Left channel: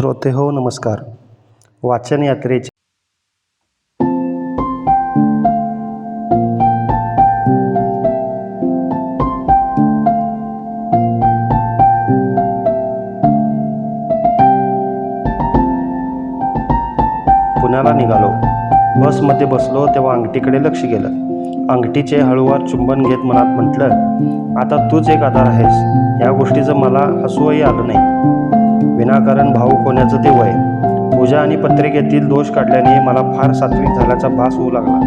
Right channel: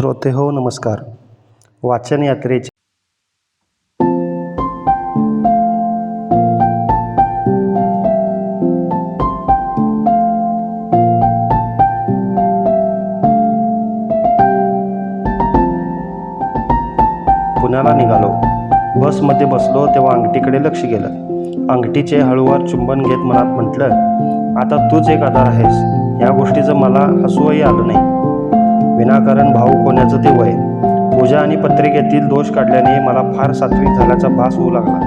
श्रोते हो नमस्कार. वाचन यात्रेचे पुण्याला निघालो. बसमध्ये बसलो तेव्हा अंगठीकडे लक्ष गेलं. अंगठीचे हळूवार चुंबन घेत मनात म्हटलं, आता तूच एक आधार आहेस. या गोष्टीचं मला हसूही आलं नाही. विनाकारण भावुक होण्याचं ते वय. पूजा आणि पत्रिकेतील दोष काढल्याने मला फार सात्विक झाल्याचा भास होऊ लागला.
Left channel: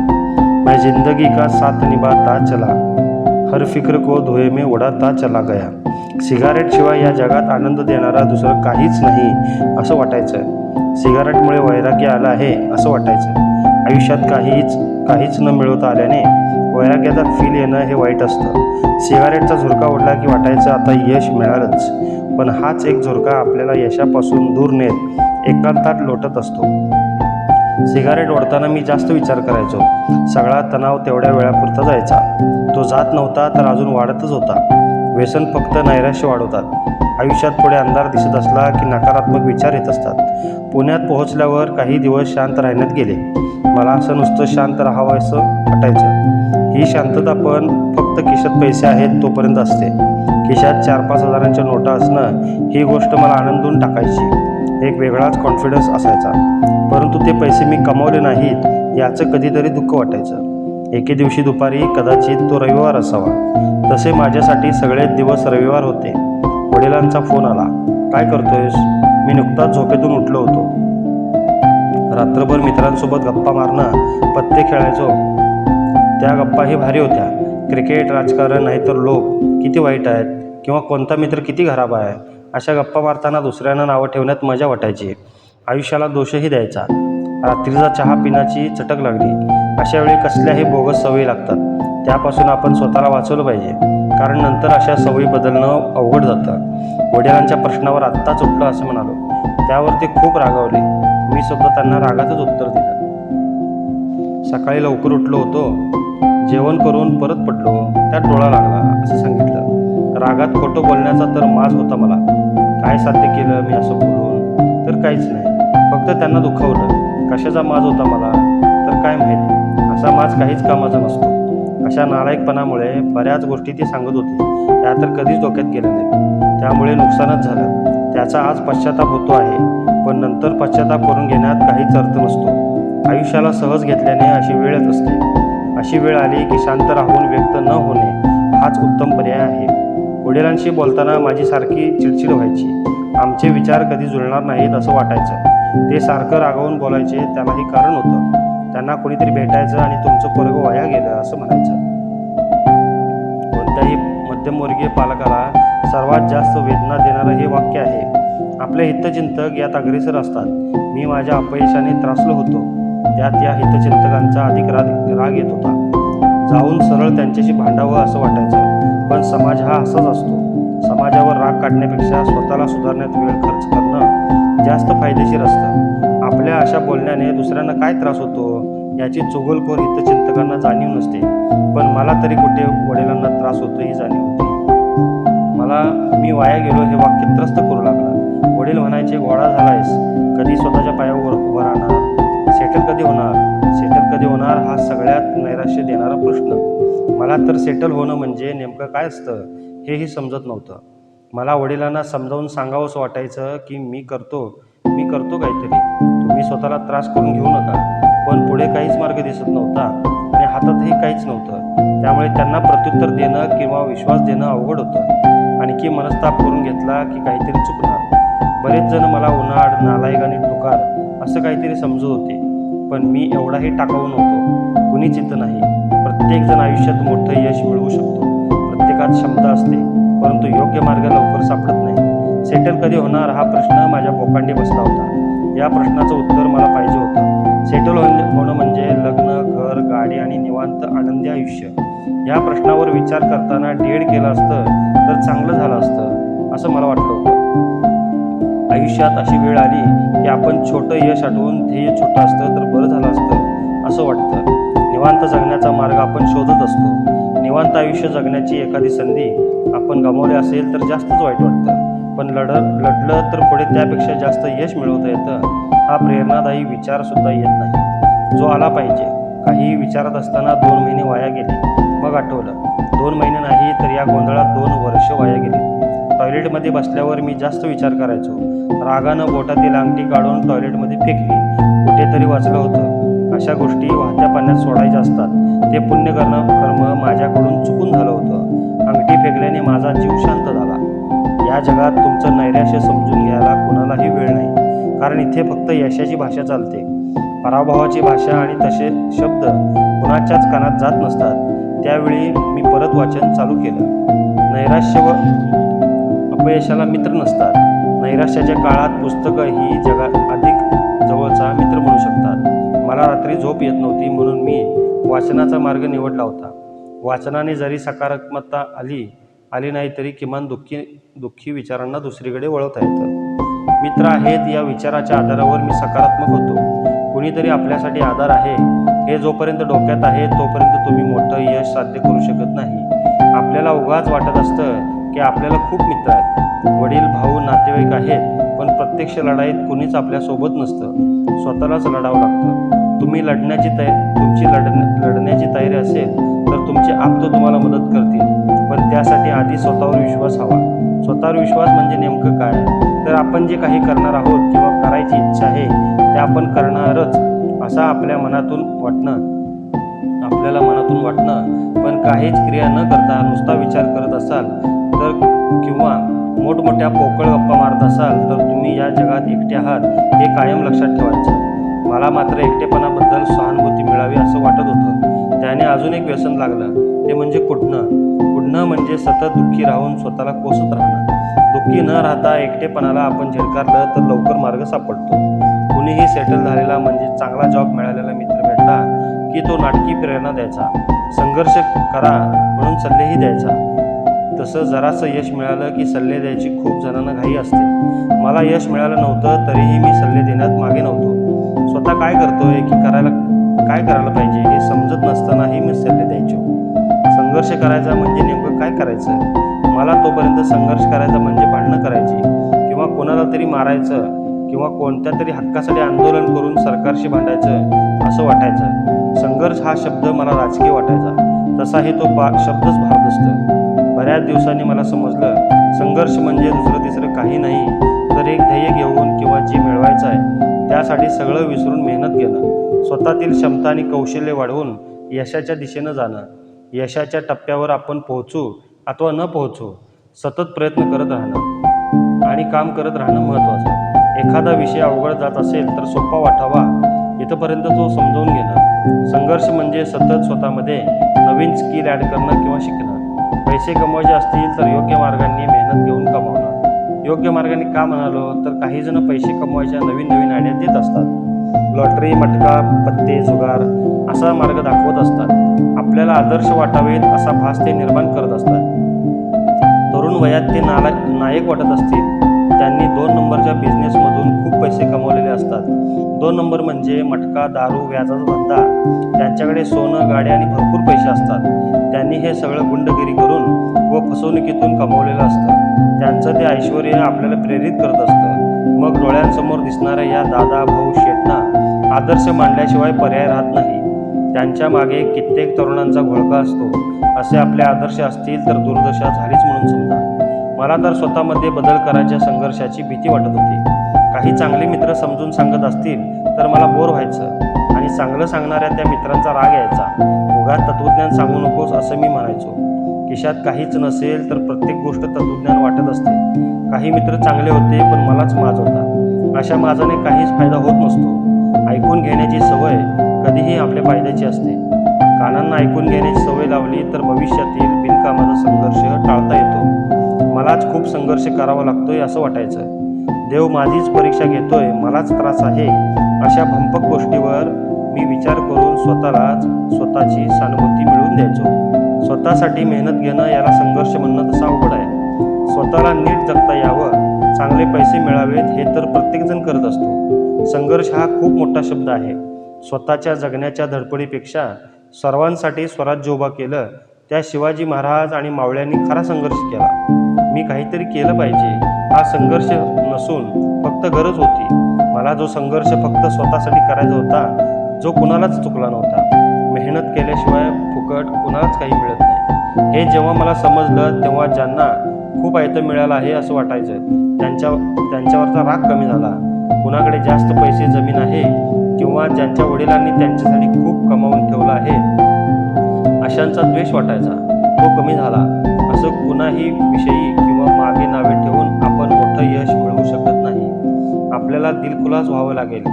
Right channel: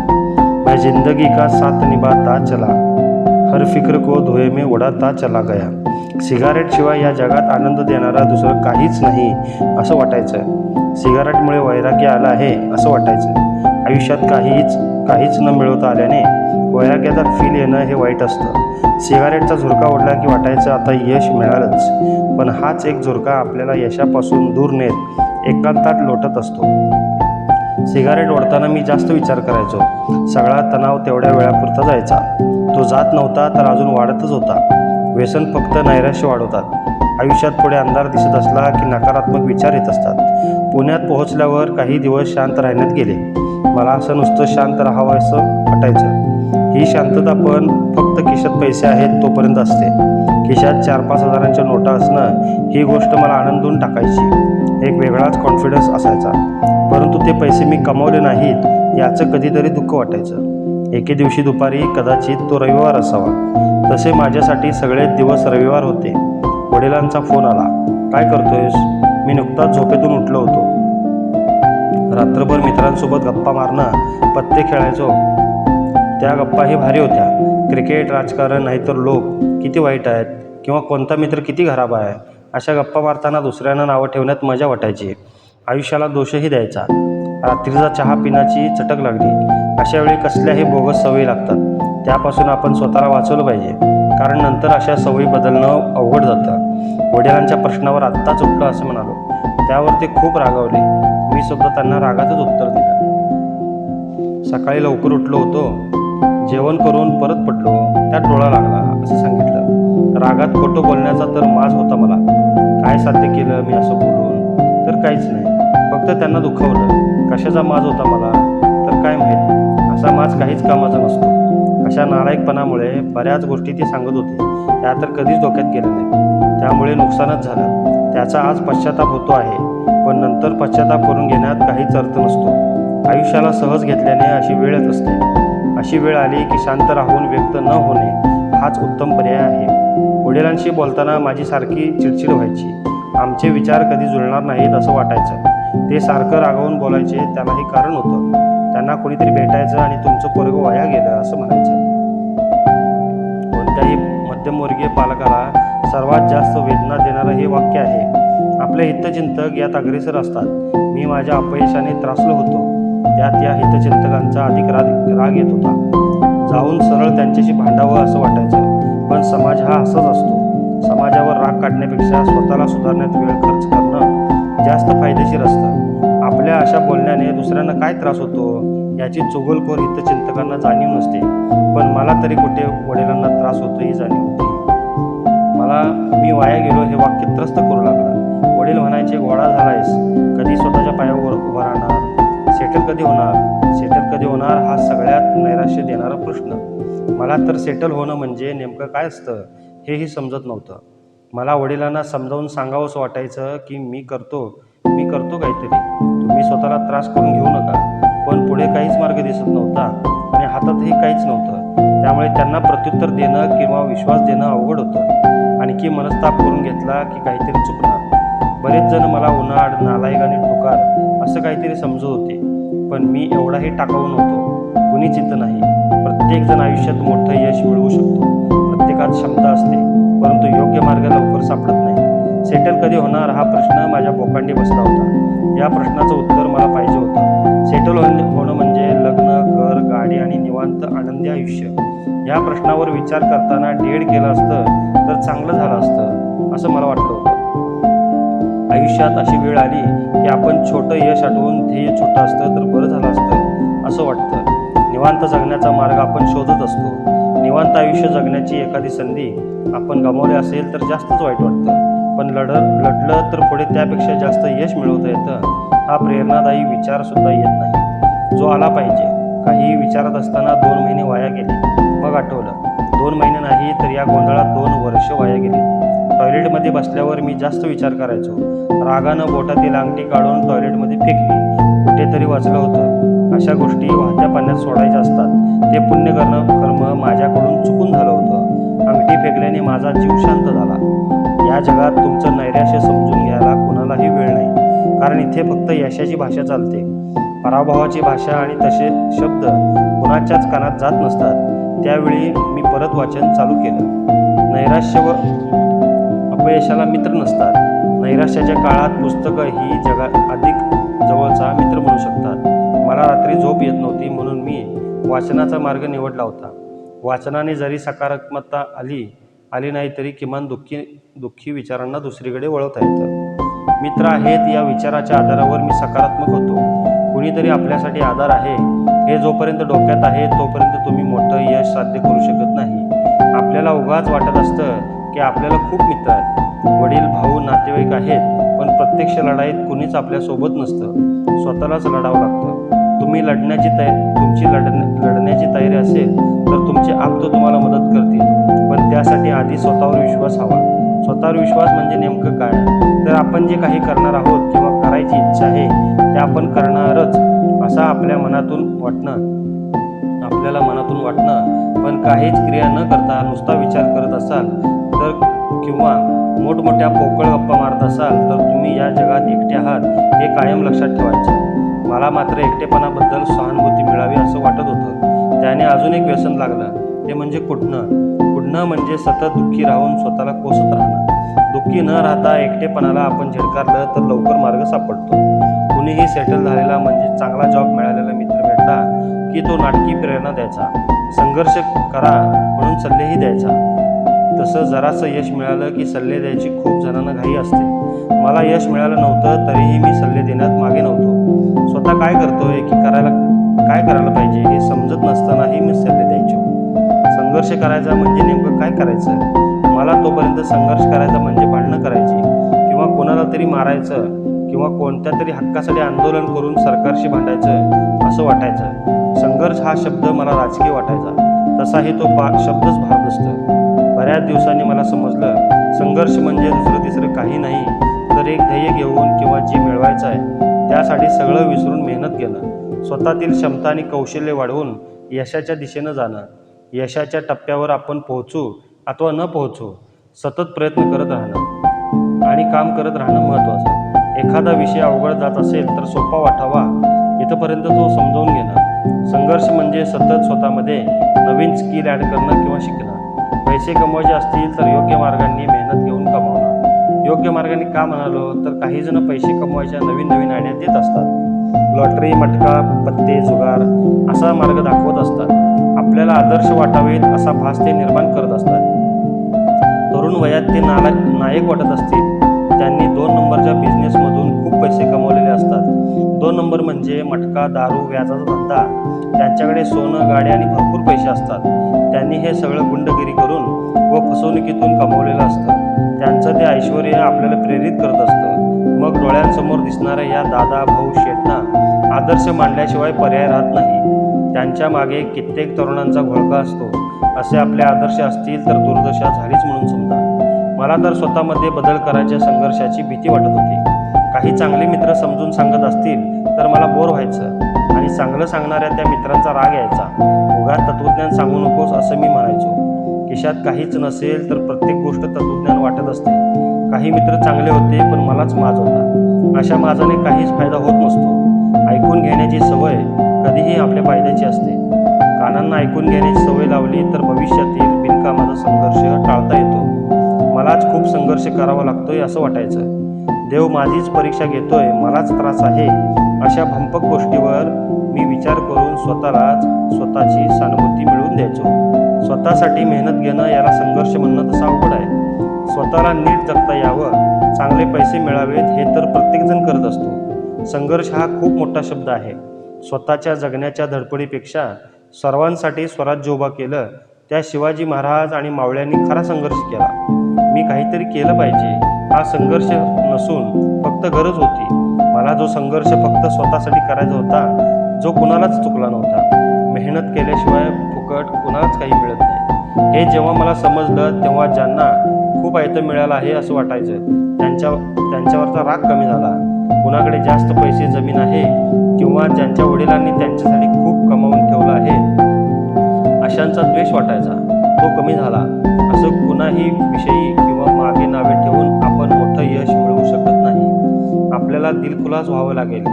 मैं जिंदगी का साथ निभाता चला, हर फिक्र को धुए में उडाता चला गया. सिगारेटशिवाय या जगात आनंद देणारा दुसरं काहीच नाही असं वाटायचं. सिगारेटमुळे वैराग्य आला आहे असं वाटायचं. आयुष्यात काहीच न मिळवता आल्याने वैराग्याचा फील येणं हे वाईट असतं. सिगारेटचा झुरका ओढला की वाटायचं आता यश मिळालंच. पण हाच एक झुरका आपल्याला यशापासून दूर नेत एकांतात लोटत असतो. सिगारेट ओढताना मी जास्त विचार करायचो. सगळा तणाव तेवढ्या वेळापुरता जायचा. तो जात नव्हता तर अजून वाढतच होता. व्यसन फक्त नैराश्य वाढवतात. आयुष्यात पुढे अंधार दिसत असला की नकारात्मक विचार येत असतात. पुण्यात पोहोचल्यावर काही दिवस शांत राहण्यात गेले. मला असं नुसतं शांत राहावं असं वाटायचं. ही शांतता पण फक्त खिशात पैसे आहेत तोपर्यंत असते. खिशात 4-5 हजारांच्या नोटा असणं ही गोष्ट मला आनंदून टाकायची. एक वेगळाच कॉन्फिडन्स असायचा. परंतु ते पैसे मी कमावले नाहीत याचं कधीतरी दुःख वाटायचं. एके दिवशी दुपारी, कदाचित तो रविवार असावा, तसे माझ्यासाठी सगळेच दिवस रविवार होते. वडिलांचा फोन आला. काय करतोयस? मी नुकताच झोपेतून उठलो होतो. रात्रभर मित्रांसोबत गप्पा मारणं, पत्ते खेळायचो. त्या गप्पाही भारी होत्या. क्रिकेट, राजकारण, नाहीतर लोक किती वाईट आहेत किंवा कोणता मित्र किती खराब आहे, अशा गप्पा मारताना दुसऱ्यांना नावं ठेवण्यात मजा वाटायची. आयुष्याला दोषही द्यायचा. रात्रीचा चहा पिण्याची चटक लागली. अशा वेळी कसल्याही बोगस सवयी लागतात. त्यापासून आपण स्वतःला वाचवलं पाहिजे, कारण नंतर अशा सवयी बदलणं अवघड जातं. वडिलांच्या प्रश्नावर आत्ताच उठलो असं म्हणालो. त्यावर ते खूप रागावले. मी सुद्धा त्यांना रागातच उत्तर दिलं. सकाळी लवकर उठलो होतो, जेवण करून परत पडलो, त्यात डोळा लागला असं सांगितलं. रागात खोटं बोलण्याचा तर माज होता मला. काय साध्य केलं मी असं बोलून? तर काहीच नाही, फक्त त्यांना दुखावलं. कशाचा माज होता मला तर काय माहीत. असा माज काहीच कामाचा नसतो. अशा नालायकपणामुळे बऱ्याच गोष्टी ती सांगत होती, त्या तर कधीच डोक्यात गेल्या नाहीत. त्यामुळे नुकसानच झालं. त्याचा आज पश्चाताप होतो आहे, पण नंतर पश्चाताप करून घेण्यात काहीच अर्थ नसतो. आयुष्याला सहज घेतल्याने अशी वेळच असते. अशी वेळ आली की शांत राहून व्यक्त न होणे हाच उत्तम पर्याय आहे. वडिलांशी बोलताना माझी सारखी चिडचिड व्हायची. आमचे विचार कधी जुळणार नाहीत असं वाटायचं. ते सारखं रागावून बोलायचे. त्यालाही कारण होतं. त्यांना कोणीतरी भेटायचं आणि तुमचं पोरगं वाया गेलं असं म्हणायचं. कोणत्याही मध्यमवर्गीय पालकाला सर्वात जास्त वेदना देणारं हे वाक्य आहे. आपले हितचिंतक यात अग्रेसर असतात. मी माझ्या अपयशाने त्रासलो होतो. त्यात या हितचिंतकांचा अधिक राग येत होता. जाऊन सरळ त्यांच्याशी भांडावं असं वाटायचं. पण समाज हा असाच असतो. समाजावर राग काढण्यापेक्षा स्वतःला सुधारण्यात वेळ खर्च करणं जास्त फायदेशीर असतं. आपल्या अशा बोलण्याने दुसऱ्यांना काय त्रास होतो याची चुगलखोर हितचिंतकांना जाणीव नसते. पण मला तरी कुठे वडिलांना त्रास होतो ही जाणीव होती. मला मी वाया गेलो हे वाक्य त्रस्त करू लागलं. वडील म्हणायचे, गोळा झालायस, कधी स्वतःच्या पायावर उभं राहणार? सेटल कधी होणार हा सगळ्यात नैराश्य देणारा प्रश्न. मला तर सेटल होणं म्हणजे नेमकं काय असतं हेही समजत नव्हतं. मला वडिलांना समजावून सांगावंसं वाटायचं की मी करतो काहीतरी, तुम्ही स्वतःला त्रास करून घेऊ नका. पण पुढे काहीच मार्ग दिसत नव्हता आणि हातातही काहीच नव्हतं. त्यामुळे त्यांना प्रत्युत्तर देणं किंवा विश्वास देणं अवघड होतं. आणखी मनस्ताप करून घेतला की काहीतरी चुकणार. बरेच जण मला उन्हाळ, नालायक आणि टुकार असं काहीतरी समजत होते. पण मी एवढाही टाकाऊ नव्हतो. कुणीच इथं नाही. प्रत्येकजण आयुष्यात मोठं यश मिळवू शकतो. प्रत्येकात क्षमता असते, परंतु योग्य मार्ग लवकर सापडत नाही. सेटल कधी होणार हा प्रश्न माझ्या बोकांडी बसला होता. या प्रश्नाचं उत्तर मला पाहिजे होतं. सेटल होणं म्हणजे लग्न, घर, गाडी आणि निवांत आनंदी आयुष्य. या प्रश्नावर विचार करताना डेड केलं असतं तर चांगलं झालं असतं असं मला वाटलं होतं. आयुष्यात अशी वेळ आली की आपण छोटं यश आठवून ध्येय छोटं असतं तर बरं झालं असतं असं वाटतं. निवांत जगण्याचा मार्ग आपण शोधत असतो. निवांत आयुष्य जगण्याची एखादी संधी आपण गमावली असेल तर जास्तच वाईट वाटतं. पण लढलं तर पुढे त्यापेक्षा जास्त यश मिळवता येतं हा प्रेरणादायी विचारसुद्धा येत नाही जो आला पाहिजे. काही विचारत असताना 2 महिने वाया गेले. मग आठवलं 2 महिने नाही तर या गोंधळात 2 वर्ष वाया गेली. टॉयलेटमध्ये बसल्यावर मी जास्त विचार करायचो. रागानं बोटातील अंगठी काढून टॉयलेटमध्ये फेकली. कुठेतरी वाचलं होतं अशा गोष्टी वाहत्या पाण्यात सोडायच्या असतात. ते कर्म माझ्याकडून चुकून झालं होतं. अंगठी फेकल्याने माझा जीव शांत झाला. या जगात तुमचं नैराश्य समजून घ्यायला कोणालाही वेळ नाही, कारण इथे फक्त यशाची भाषा चालते. पराभवाची भाषा आणि तसे शब्द कुणाच्याच कानात जात नसतात. त्यावेळी मी परत वाचन चालू केलं. नैराश्य व अपयशाला मित्र नसतात. नैराश्याच्या काळात पुस्तकं ही जगात अधिक जवळचा मित्र म्हणू शकतात. मला रात्री झोप येत नव्हती म्हणून मी वाचनाचा मार्ग निवडला होता. वाचनाने जरी सकारात्मकता आली नाही तरी किमान दुःखी विचारांना दुसरीकडे वळवता येतं. मित्र आहेत या विचाराच्या आधारावर मी सकारात्मक होतो. कुणीतरी आपल्यासाठी आधार आहे हे जोपर्यंत डोक्यात आहे तोपर्यंत तुम्ही मोठं यश साध्य करू शकत नाही. आपल्याला उगाच वाटत असतं की आपल्याला खूप मित्र आहेत, वडील भाऊ नातेवाईक आहेत, पण प्रत्यक्ष लढाईत कुणीच आपल्यासोबत नसतं. स्वतःलाच लढावं लागतं. तुमची लढण्याची तयारी असेल तर तुमचे आप्त तुम्हाला मदत करतील, पण त्यासाठी आधी स्वतःवर विश्वास हवा. स्वतःवर विश्वास म्हणजे नेमकं काय? तर आपण जे काही करणार आहोत किंवा करायची इच्छा आहे ते आपण करणारच असं आपल्याला मनातून वाटणं, पण काहीच क्रिया न करता नुसता विचार करत असाल तर किंवा मोठमोठ्या पोकळ गप्पा मारत असाल तर तुम्ही या जगात एकटे आहात हे कायम लक्षात ठेवायचं. मला मात्र एकटेपणाबद्दल सहानुभूती मिळावी असं वाटत होतं. त्याने अजून एक व्यसन लागलं, ते म्हणजे कुढणं म्हणजे सतत दुःखी राहून स्वतःला कोसत राहणं. दुःखी न राहता एकटेपणाला आपण झिडकारलं तर लवकर मार्ग सापडतो. कुणीही सेटल झालेला म्हणजे चांगला जॉब मिळालेला मित्र भेटला की तो नाटकी प्रेरणा द्यायचा, संघर्ष करा म्हणून सल्लेही द्यायचा. तसं जरासं यश मिळालं की सल्ले द्यायची खूप जणांना घाई असते. मला यश मिळालं नव्हतं तरीही मी सल्ले देण्यात मागे नव्हतो. स्वतः काय करतोय की काय करायला पाहिजे हे समजत नसतानाही मी सल्ले द्यायचो. संघर्ष करायचा म्हणजे नेमकं काय करायचं? मला तोपर्यंत संघर्ष करायचा म्हणजे भांडणं करायची किंवा कोणाला तरी मारायचं किंवा कोणत्या तरी हक्कासाठी आंदोलन करून सरकारशी भांडायचं असं वाटायचं. संघर्ष हा शब्द मला राजकीय वाटायचा, तसाही तो शब्दच भारदस्त. बऱ्याच दिवसांनी मला समजलं संघर्ष म्हणजे दुसरं तिसरं काही नाही तर एक ध्येय घेऊन किंवा जे मिळवायचं आहे त्यासाठी सगळं विसरून मेहनत घेणं, स्वतःतील क्षमता आणि कौशल्य वाढवून यशाच्या दिशेनं जाणं. यशाच्या टप्प्यावर आपण पोहोचू अथवा न पोहोचू सतत प्रयत्न करत राहणं आणि काम करत राहणं महत्त्वाचं. एखादा विषय अवघड जात असेल तर सोपा वाटावा इथंपर्यंत तो समजावून घेणं. संघर्ष म्हणजे सतत स्वतःमध्ये नवीन स्किल ॲड करणं किंवा शिकणं. पैसे कमवायचे असतील तर योग्य मार्गांनी मेहनत घेऊन कमावणं. योग्य मार्गाने का म्हणालो तर काही जण पैसे कमवायच्या नवीन आयडिया देत असतात. लॉटरी, मटका, पत्ते, जुगार असा मार्ग दाखवत असतात. आपल्याला आदर्श वाटावेत असा भास ते निर्माण करत असतात. तरुण वयात ते नायक वाटत असतील. त्यांनी 2 नंबरच्या बिझनेसमधून खूप पैसे कमवलेले असतात. 2 नंबर म्हणजे मटका, दारू, व्याजाचा धंदा. त्यांच्याकडे सोनं, गाड्या आणि भरपूर पैसे असतात. त्यांनी हे सगळं गुंडगिरी करून व फसवणुकीतून कमवलेलं असतं. त्यांचं ते ऐश्वर्य आपल्याला प्रेरित करत असतं. मग डोळ्यांसमोर दिसणाऱ्या या दादा, भाऊ, शेठना आदर्श मांडल्याशिवाय पर्याय राहत नाही. त्यांच्या मागे कित्येक तरुणांचा घोळका असतो. असे आपले आदर्श असतील तर दुर्दशा झालीच म्हणून समजा. मला तर स्वतःमध्ये बदल करायच्या संघर्षाची भीती वाटत होती. काही चांगले मित्र समजून सांगत असतील तर मला बोर व्हायचं आणि चांगलं सांगणाऱ्या त्या मित्रांचा राग यायचा. उगाच तत्त्वज्ञान सांगू नकोस असं मी म्हणायचो. खिशात काहीच नसेल तर प्रत्येक गोष्ट तत्त्वज्ञान वाटत असते. काही मित्र चांगले होते पण मलाच माज होता. अशा माजाने काहीच फायदा होत नसतो. ऐकून घेण्याची सवय कधीही आपल्या फायद्याची असते. कानांना ऐकून घेण्याची सवय लावली तर भविष्यातील बिनकामाचा संघर्ष टाळता येतो. मलाच खूप संघर्ष करावा लागतोय असं वाटायचं. देव माझीच परीक्षा घेतोय, मलाच त्रास आहे, अशा भंपक गोष्टीवर मी विचार करून स्वतःची सहानुभूती मिळवून द्यायचो. स्वतःसाठी मेहनत घेणं याला संघर्ष म्हणणं तसं अवघड आहे. स्वतःला नीट जगता यावं, चांगले पैसे मिळावेत हे तर प्रत्येकजण करत असतो. संघर्ष हा खूप मोठा शब्द आहे. स्वतःच्या जगण्याच्या धडपडीपेक्षा सर्वांसाठी स्वराज्य उभा केलं त्या शिवाजी महाराज आणि मावळ्यांनी खरा संघर्ष केला. मी काहीतरी केलं पाहिजे. हा संघर्ष नसून फक्त गरज होती. मला जो संघर्ष फक्त स्वतःसाठी करायचा होता, जो कुणालाच चुकला नव्हता. मेहनत केल्याशिवाय फुकट कुणालाच काही मिळत नाही. हे जेव्हा मला समजलं तेव्हा ज्यांना खूप आयतं मिळालं आहे असं वाटायचं, त्यांच्यावरचा राग कमी झाला. कुणाकडे जास्त पैसे जमीन आहे किंवा ज्यांच्या वडिलांनी त्यांच्यासाठी खूप कमावून ठेवलं आहे अशांचा द्वेष वाटायचा, तो कमी झाला. असं कुणाही विषयी किंवा मागे नावे ठेवून आपण मोठं यश मिळवू शकत नाही. आपल्याला दिलखुलास व्हावं लागेल.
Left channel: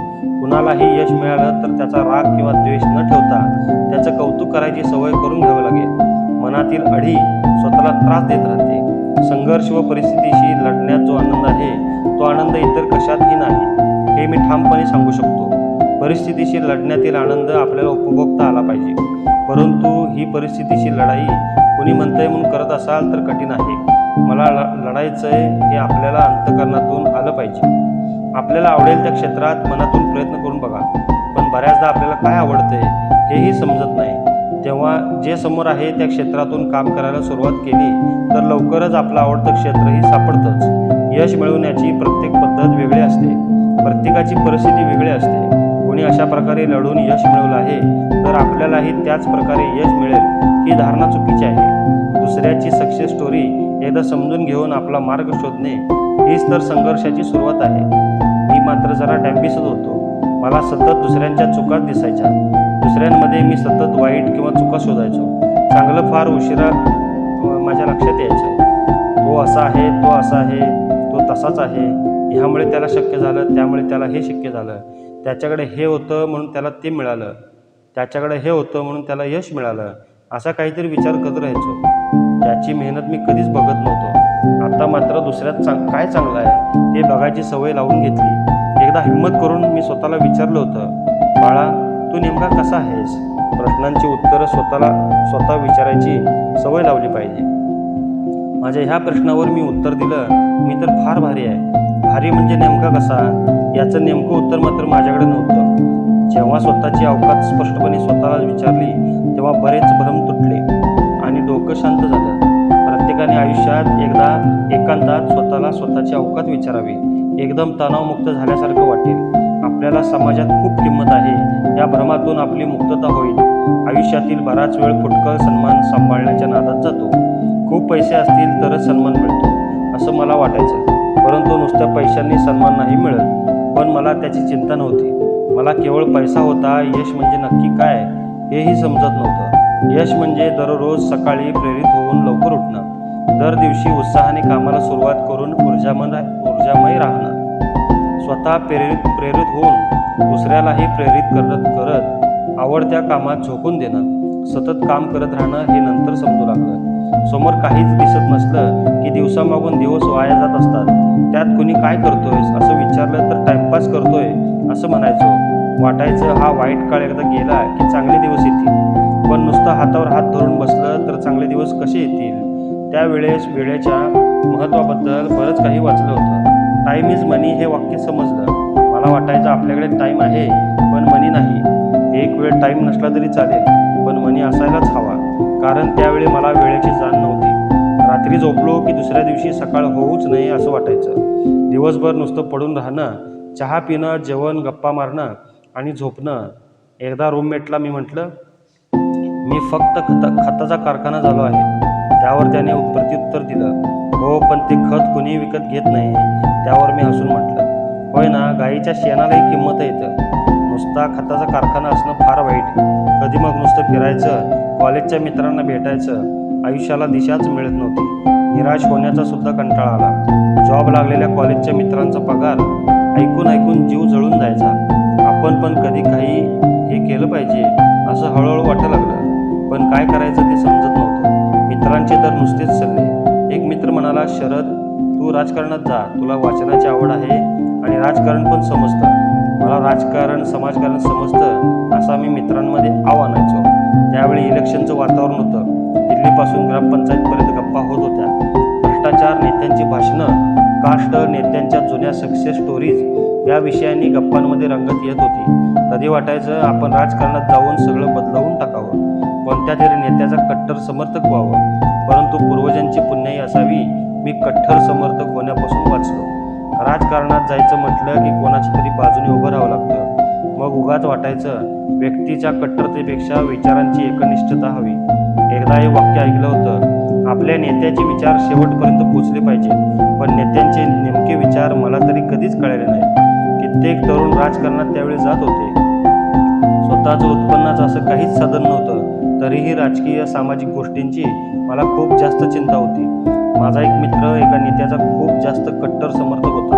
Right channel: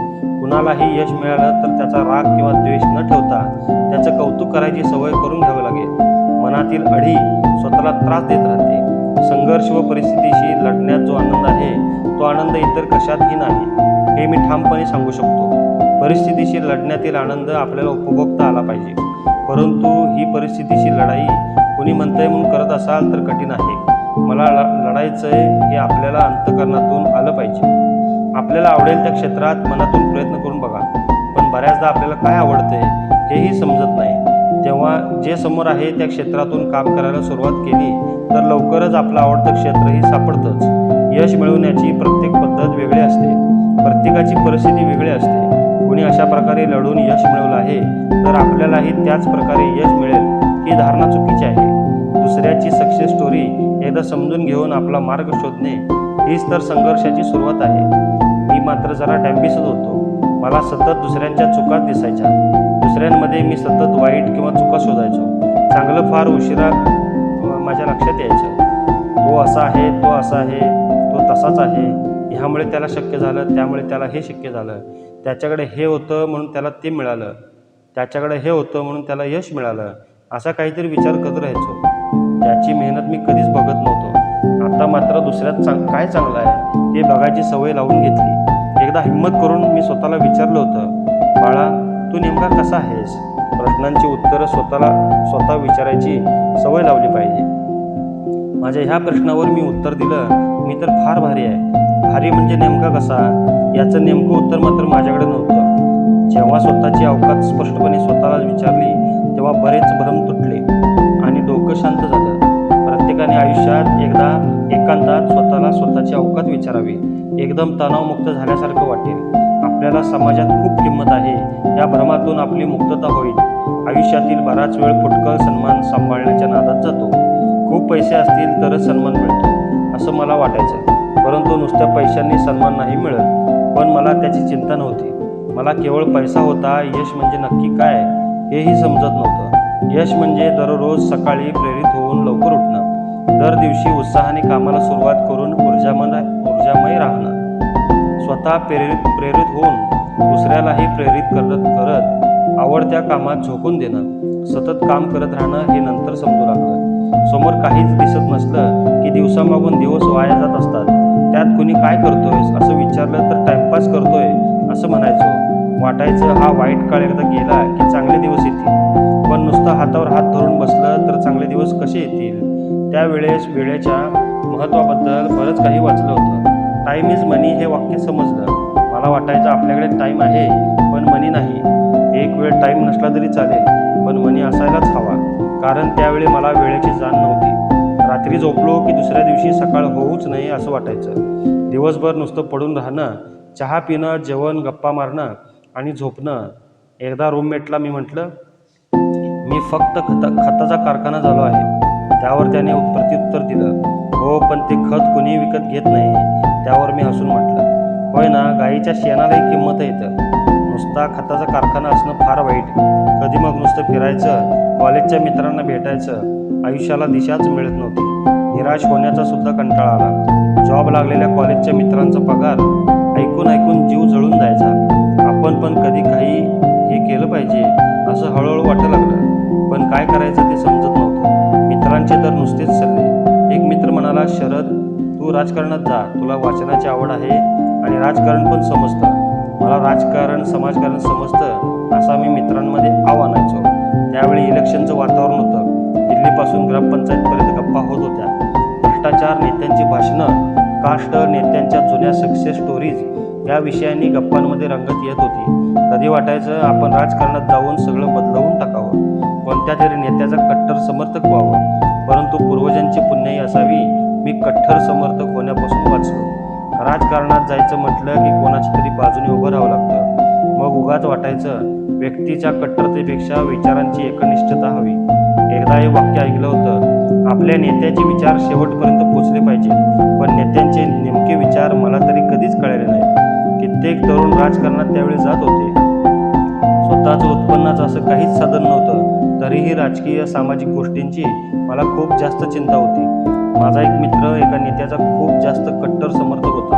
कुणालाही यश मिळालं तर त्याचा राग किंवा द्वेष न ठेवता त्याचं कौतुक करायची सवय करून घ्यावी लागेल. मनातील अढी स्वतःला त्रास देत राहते. संघर्ष व परिस्थितीशी लढण्यात जो आनंद आहे तो आनंद इतर कशातही नाही, हे मी ठामपणे सांगू शकतो. परिस्थितीशी लढण्यातील आनंद आपल्याला उपभोगता आला पाहिजे. परंतु ही परिस्थितीशी लढाई कोणी म्हणतंय म्हणून करत असाल तर कठीण आहे. मला लढायचंय हे आपल्याला अंतःकरणातून आलं पाहिजे. आपल्याला आवडेल त्या क्षेत्रात मनातून प्रयत्न करून बघा, पण बऱ्याचदा आपल्याला काय आवडतंय हेही समजत नाही. तेव्हा जे समोर आहे त्या क्षेत्रातून काम करायला सुरुवात केली तर लवकरच आपलं आवडतं क्षेत्रही सापडतंच. यश मिळवण्याची प्रत्येक पद्धत वेगळी असते. प्रत्येकाची परिस्थिती वेगळी असते. कोणी अशा प्रकारे लढून यश मिळवलं आहे तर आपल्यालाही त्याच प्रकारे यश मिळेल ही धारणा चुकीची आहे. दुसऱ्याची सक्सेस स्टोरी एकदा समजून घेऊन आपला मार्ग शोधणे हीच तर संघर्षाची सुरुवात आहे. मी मात्र जरा डॅम्बिसच होतो. मला सतत दुसऱ्यांच्या चुकाच दिसायच्या. दुसऱ्यांमध्ये मी सतत वाईट किंवा चुका शोधायचो. चांगलं फार उशिरा माझ्या लक्षात यायचं. तो असा आहे, तो असा आहे, तो तसाच आहे. ह्यामुळे त्याला शक्य झालं, त्यामुळे त्याला हे शक्य झालं. त्याच्याकडे हे होतं म्हणून त्याला ते मिळालं. त्याच्याकडे हे होतं म्हणून त्याला यश मिळालं. असा काहीतरी विचार करत राहायचो. त्याची मेहनत मी कधीच बघत नव्हतो. आता मात्र दुसऱ्यात काय चांगलं आहे हे बघायची सवय लावून घेतली. एकदा हिंमत करून मी स्वतःला विचारलं होतं, बाळा तू नेमका कसा आहेस? प्रश्नांची उत्तरं स्वतः विचारायची सवय लावली पाहिजे. माझ्या ह्या प्रश्नावर मी उत्तर दिलं, मी तर फार भारी आहे. भारी म्हणजे नेमका कसा याचं नेमकं उत्तर मात्र माझ्याकडे नव्हतं. जेव्हा स्वतःची अवकात स्पष्टपणे स्वतःला विचारली तेव्हा बरेच भ्रम तुटले आणि डोकं शांत झालं. प्रत्येकाने आयुष्यात एकदा एकांतात स्वतःला स्वतःची अवकात विचारावी. एकदम तणावमुक्त झाल्यासारखं वाटेल. आपल्याला समाजात खूप किंमत आहे या भ्रमातून आपली मुक्तता होईल. आयुष्यातील बराच वेळ फुटकळ सन्मान सांभाळण्याच्या नादात जातो. खूप पैसे असतील तरच सन्मान मिळतो असं मला वाटायचं, परंतु नुसत्या पैशांनी सन्मान नाही मिळत. पण मला त्याची चिंता नव्हती. मला केवळ पैसा होता. यश म्हणजे नक्की काय हेही समजत नव्हतं. यश म्हणजे दररोज सकाळी प्रेरित होऊन लवकर उठणं, दर दिवशी उत्साहाने कामाला सुरुवात करून ऊर्जामय राहणं, स्वतः प्रेरित होऊन दुसऱ्यालाही प्रेरित करत आवडत्या कामात झोकून देणं, सतत काम करत राहणं हे नंतर समजू लागलं. समोर काहीच दिसत नसलं की दिवसामागून दिवस वाया जात असतात. त्यात कुणी काय करतोयस असं विचारलं तर टाइमपास करतोय असं म्हणायचो. वाटायचं हा वाईट काळ एकदा गेला की चांगले दिवस येतील. पण नुसतं हातावर हात धरून बसलं तर चांगले दिवस कसे येतील? त्यावेळेस वेळेच्या महत्त्वाबद्दल बरंच काही वाचलं होतं. टाईम इज मनी हे वाक्य समजलं. मला वाटायचं आपल्याकडे टाईम आहे पण मनी नाही. एक वेळ टाईम नसला तरी चालेल पण मनी असायलाच हवा, कारण त्यावेळी मला वेळेची जाण नव्हती. रात्री झोपलो की दुसऱ्या दिवशी सकाळ होऊच नये असं वाटायचं. दिवसभर नुसतं पडून राहणं, चहा पिणं, जेवण, गप्पा मारणं आणि झोपणं. एकदा रूममेटला मी म्हटलं, मी फक्त खताचा कारखाना झालो आहे. त्यावर त्याने प्रत्युत्तर दिलं, हो पण ते खत कुणी विकत घेत नाही. त्यावर मी हसून म्हटलं, होय ना, गाईच्या शेणालाही किंमत येतं. नुसता खताचा कारखाना असणं फार वाईट. कधी मग नुसतं फिरायचं, कॉलेजच्या मित्रांना भेटायचं. आयुष्याला दिशाच मिळत नव्हती. निराश होण्याचा सुद्धा कंटाळा आला. जॉब लागलेल्या कॉलेजच्या मित्रांचा पगार ऐकून जीव जळून जायचा. आपण पण कधी काही हे केलं पाहिजे असं हळूहळू वाटायला लागलं, पण काय करायचं ते समजत नव्हतं. मित्रांचे तर नुसतेच सल्ले. एक मित्र म्हणाला, शरद तू राजकारणात जा, तुला वाचनाची आवड आहे आणि राजकारण पण समजतं. मला राजकारण समाजकारण समजतं असा मी मित्रांमध्ये आव आणायचो. त्यावेळी इलेक्शनचं वातावरण होतं. दिल्लीपासून ग्रामपंचायतपर्यंत गप्पा होत होत्या. भ्रष्टाचार, नेत्यांची भाषणं, कास्ट, नेत्यांच्या जुन्या सक्सेस स्टोरीज या विषयांनी गप्पांमध्ये रंगत येत होती. कधी वाटायचं आपण राजकारणात जाऊन सगळं बदलवून टाकावं, कोणत्या तरी नेत्याचा कट्टर समर्थक व्हावं. परंतु पूर्वजांची पुण्याई असावी मी कट्टर समर्थक होण्यापासून वाचलो. राजकारणात जायचं म्हटलं की कोणाच्या तरी बाजूने उभं राहावं लागतं. मग उगाच वाटायचं व्यक्तीच्या कट्टरतेपेक्षा विचारांची एकनिष्ठता हवी. एकदा हे वाक्य ऐकलं होतं, आपल्या नेत्याचे विचार शेवटपर्यंत पोचले पाहिजेत, पण नेत्यांचे नेमके विचार मला तरी कधीच कळले नाहीत. कित्येक तरुण राजकारणात त्यावेळी जात होते. स्वतःचं उत्पन्नाचं असं काहीच साधन नव्हतं, तरीही राजकीय सामाजिक गोष्टींची मला खूप जास्त चिंता होती. माझा एक मित्र एका नेत्याचा खूप जास्त कट्टर समर्थक होता.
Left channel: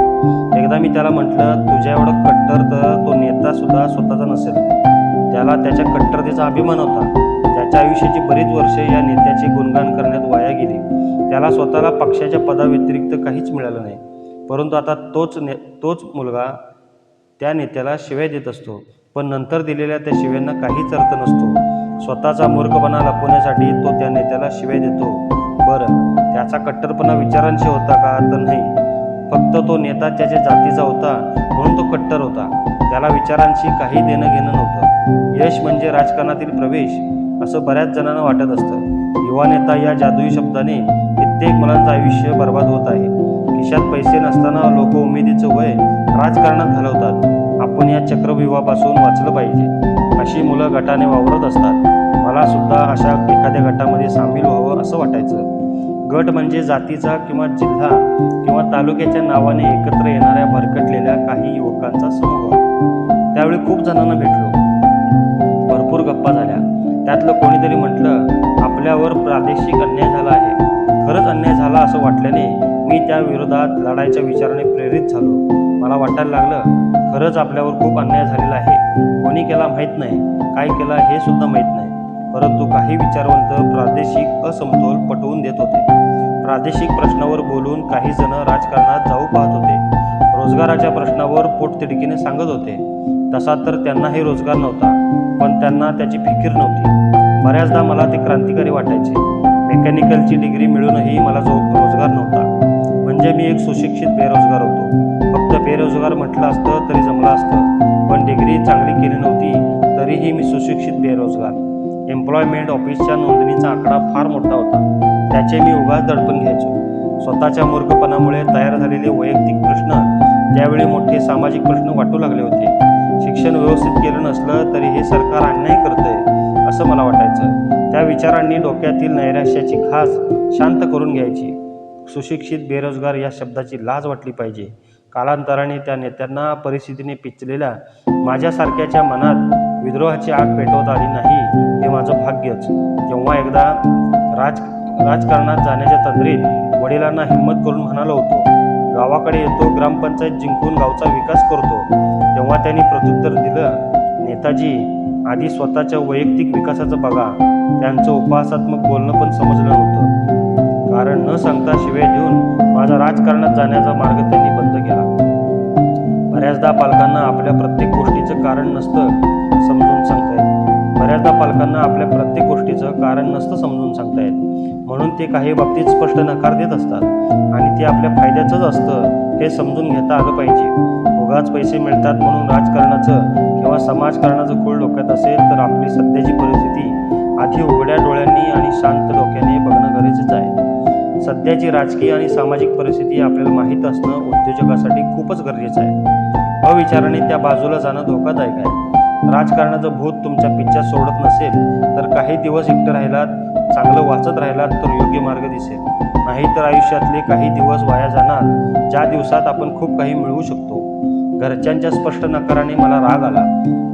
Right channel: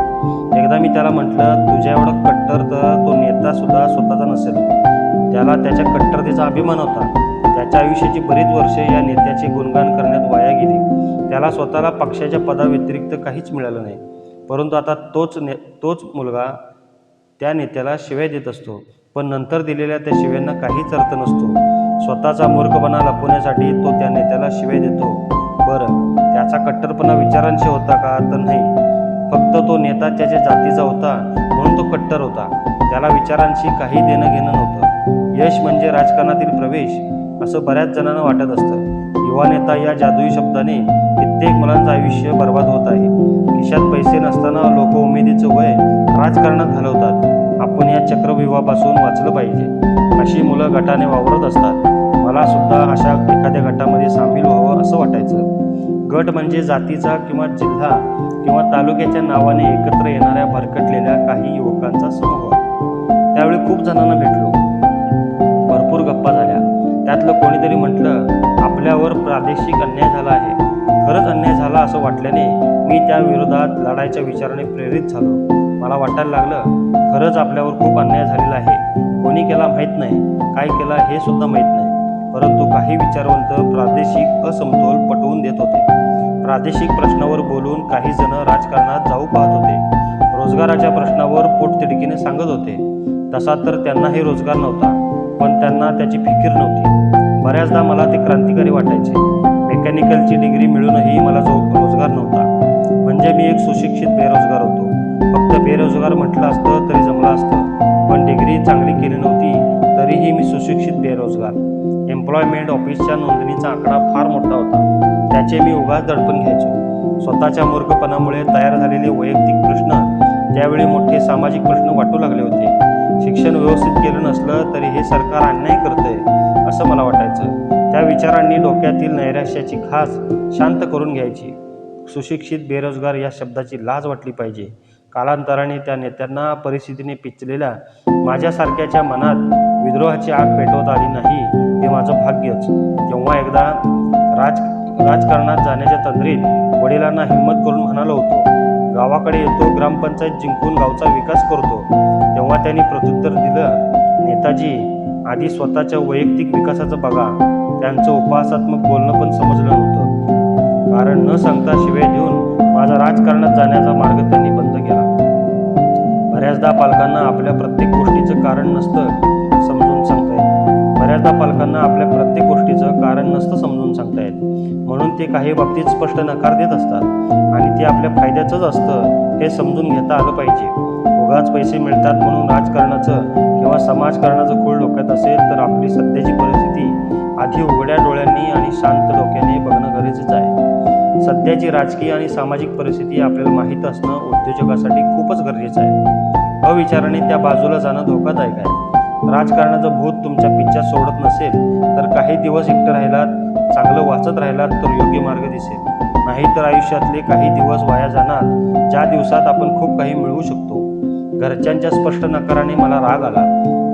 एकदा मी त्याला म्हटलं, तुझ्या एवढा कट्टर तर तो नेतासुद्धा स्वतःचा नसेल. त्याला त्याच्या कट्टरतेचा अभिमान होता. त्याच्या आयुष्याची बरीच वर्षे या नेत्याचे गुणगान करण्यात वाया गेली. त्याला स्वतःला पक्षाच्या पदाव्यतिरिक्त काहीच मिळालं नाही. परंतु आता तोच मुलगा त्या नेत्याला शिव्या देत असतो, पण नंतर दिलेल्या त्या शिव्यांना काहीच अर्थ नसतो. स्वतःचा मूर्खपणा लपवण्यासाठी तो त्या नेत्याला शिव्या देतो. बरं, त्याचा कट्टरपणा विचारांशी होता का? तर नाही. फक्त तो नेता त्याच्या जातीचा होता म्हणून तो कट्टर होता. त्याला विचारांशी काही देणं घेणं नव्हतं. यश म्हणजे राजकारणातील प्रवेश असं बऱ्याच जणांना वाटत असतं. युवा नेता या जादुई शब्दाने कित्येक मुलांचं आयुष्य बर्बाद होत आहे. खिशात पैसे नसताना लोक उमेदीचं वय राजकारणात घालवतात. आपण या चक्रव्यूहापासून वाचलं पाहिजे. अशी मुलं गटाने वावरत असतात. मला सुद्धा अशा एखाद्या गटामध्ये सामील व्हावं असं वाटायचं. गट म्हणजे जातीचा किंवा जिल्हा किंवा तालुक्याच्या नावाने एकत्र येणाऱ्या भरकटलेल्या काही युवकांचा समूह. त्यावेळी खूप जणांना भेटलो. भरपूर गप्पा झाल्या. त्यातलं कोणीतरी म्हटलं, आपल्यावर प्रादेशिक अन्याय झाला आहे. खरंच अन्याय झाला असं वाटल्याने मी त्या विरोधात लढायच्या विचाराने प्रेरित झालो. मला वाटायला लागलं, खरंच आपल्यावर खूप अन्याय झालेला आहे. कोणी केला माहीत नाही, काय केला हे सुद्धा माहीत नाही. परंतु काही विचारवंत प्रादेशिक असमतोल पटवून देत होते. प्रादेशिक प्रश्नावर बोलून काही जण राजकारणात जाऊ पाहत होते. रोजगाराच्या प्रश्नावर पोटतिडकीने सांगत होते. तसा तर त्यांनाही रोजगार नव्हता, पण त्यांना त्याची फिकीर नव्हती. बऱ्याचदा मला ते क्रांतिकारी वाटायचे. मेकॅनिकलची डिग्री मिळूनही मला रोजगार नव्हता. म्हणजे मी एक सुशिक्षित बेरोजगार होतो. फक्त बेरोजगार म्हटलं असतं तरी जमलं असतं, पण डिग्री चांगली केली नव्हती तरीही मी सुशिक्षित बेरोजगार. एम्प्लॉयमेंट ऑफिसच्या नोंदणीचा आकडा फार मोठा होता. त्याचे मी उगाच दडपण घ्यायचो. स्वतःच्या मूर्खपणामुळे तयार झालेले वैयक्तिक प्रश्न त्यावेळी मोठे सामाजिक प्रश्न वाटू लागले होते. शिक्षण व्यवस्थित केलं नसलं तरी हे सरकार अन्याय करतंय असं मला वाटायचं. त्या विचारांनी डोक्यातील नैराश्याची खास शांत करून घ्यायची. सुशिक्षित बेरोजगार या शब्दाची लाज वाटली पाहिजे. कालांतराने त्या नेत्यांना परिस्थितीने पिचलेल्या माझ्यासारख्याच्या मनात विद्रोहाची आग पेटवता आली नाही, हे माझं भाग्यच. तेव्हा एकदा राजकारणात जाण्याच्या तंद्रीत वडिलांना हिंमत करून म्हणालो होतो, गावाकडे येतो, ग्रामपंचायत जिंकून गावचा विकास करतो. तेव्हा त्यांनी प्रत्युत्तर दिलं, नेताजी, आधी स्वतःच्या वैयक्तिक विकासाचं बघा. त्यांचं उपहासात्मक बोलणं पण समजलं नव्हतं. कारण न सांगता शिव्या देऊन माझा राजकारणात जाण्याचा मार्ग त्यांनी बंद केला. बऱ्याचदा पालकांना आपल्या प्रत्येक गोष्टीचं कारण नसतं समजून सांगता येत. समजून सांगता येत. म्हणून ते काही बाबतीत स्पष्ट नकार देत असतात आणि ते आपल्या फायद्याचंच असतं हे समजून घेता आलं पाहिजे. उगाच पैसे मिळतात म्हणून राजकारणाचं किंवा समाजकारणाचं खूळ डोक्यात असेल तर आपली सध्याची परिस्थिती आधी उघड्या डोळ्यांनी आणि शांत डोक्याने बघणं गरजेचं आहे. सध्याची राजकीय आणि सामाजिक परिस्थिती आपल्याला माहीत असणं उद्योजकासाठी खूपच गरजेचं आहे. अविचाराने त्या बाजूला जाणं धोकादायक आहे. राजकारणाचं भूत तुमच्या पिच्छा सोडत नसेल तर काही दिवस एकटं राहिलात, चांगलं वाचत राहिलात तर योग्य मार्ग दिसेल. नाहीतर आयुष्यातले काही दिवस वाया जाणार ज्या दिवसात आपण खूप काही मिळवू शकतो. घरच्यांच्या स्पष्ट नकाराने मला राग आला.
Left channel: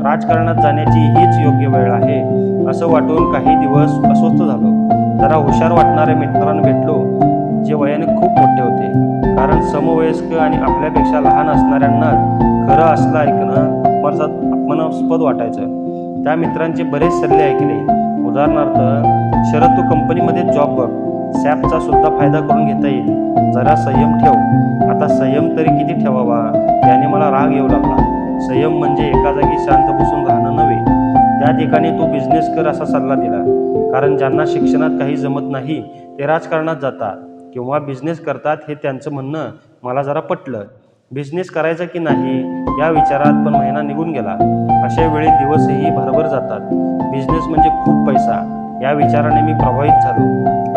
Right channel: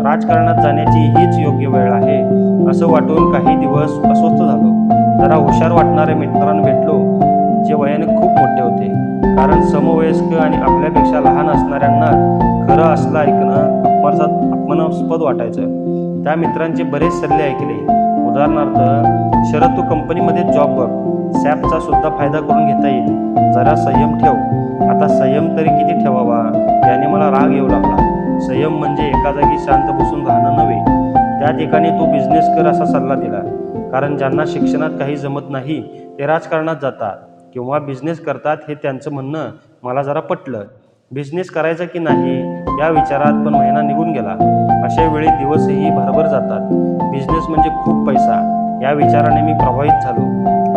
राजकारणात जाण्याची हीच योग्य वेळ आहे असं वाटून काही दिवस अस्वस्थ झालो. जरा हुशार वाटणाऱ्या मित्रांना भेटलो जे वयाने खूप मोठे होते. कारण समवयस्क आणि आपल्यापेक्षा लहान असणाऱ्यांना खरं असलं ऐकणं अपमानास्पद वाटायचं. त्या मित्रांचे बरेच सल्ले ऐकले. उदाहरणार्थ, शरद, तू कंपनीमध्ये जॉब बघ, सॅपचा सुद्धा फायदा करून घेता येईल. जरा संयम ठेव. आता संयम तरी किती ठेवावा याने मला राग येऊ लागला. संयम म्हणजे एका जागी शांत बसून राहणं नव्हे. त्या ठिकाणी तू बिझनेस कर असा सल्ला दिला. कारण ज्यांना शिक्षणात काही जमत नाही ते राजकारणात जातात किंवा बिझनेस करतात हे त्यांचं म्हणणं मला जरा पटलं. बिझनेस करायचा की नाही या विचारात पण महिना निघून गेला. अशा वेळी दिवसही भरभर जातात. बिझनेस म्हणजे खूप पैसा या विचाराने मी प्रभावित झालो.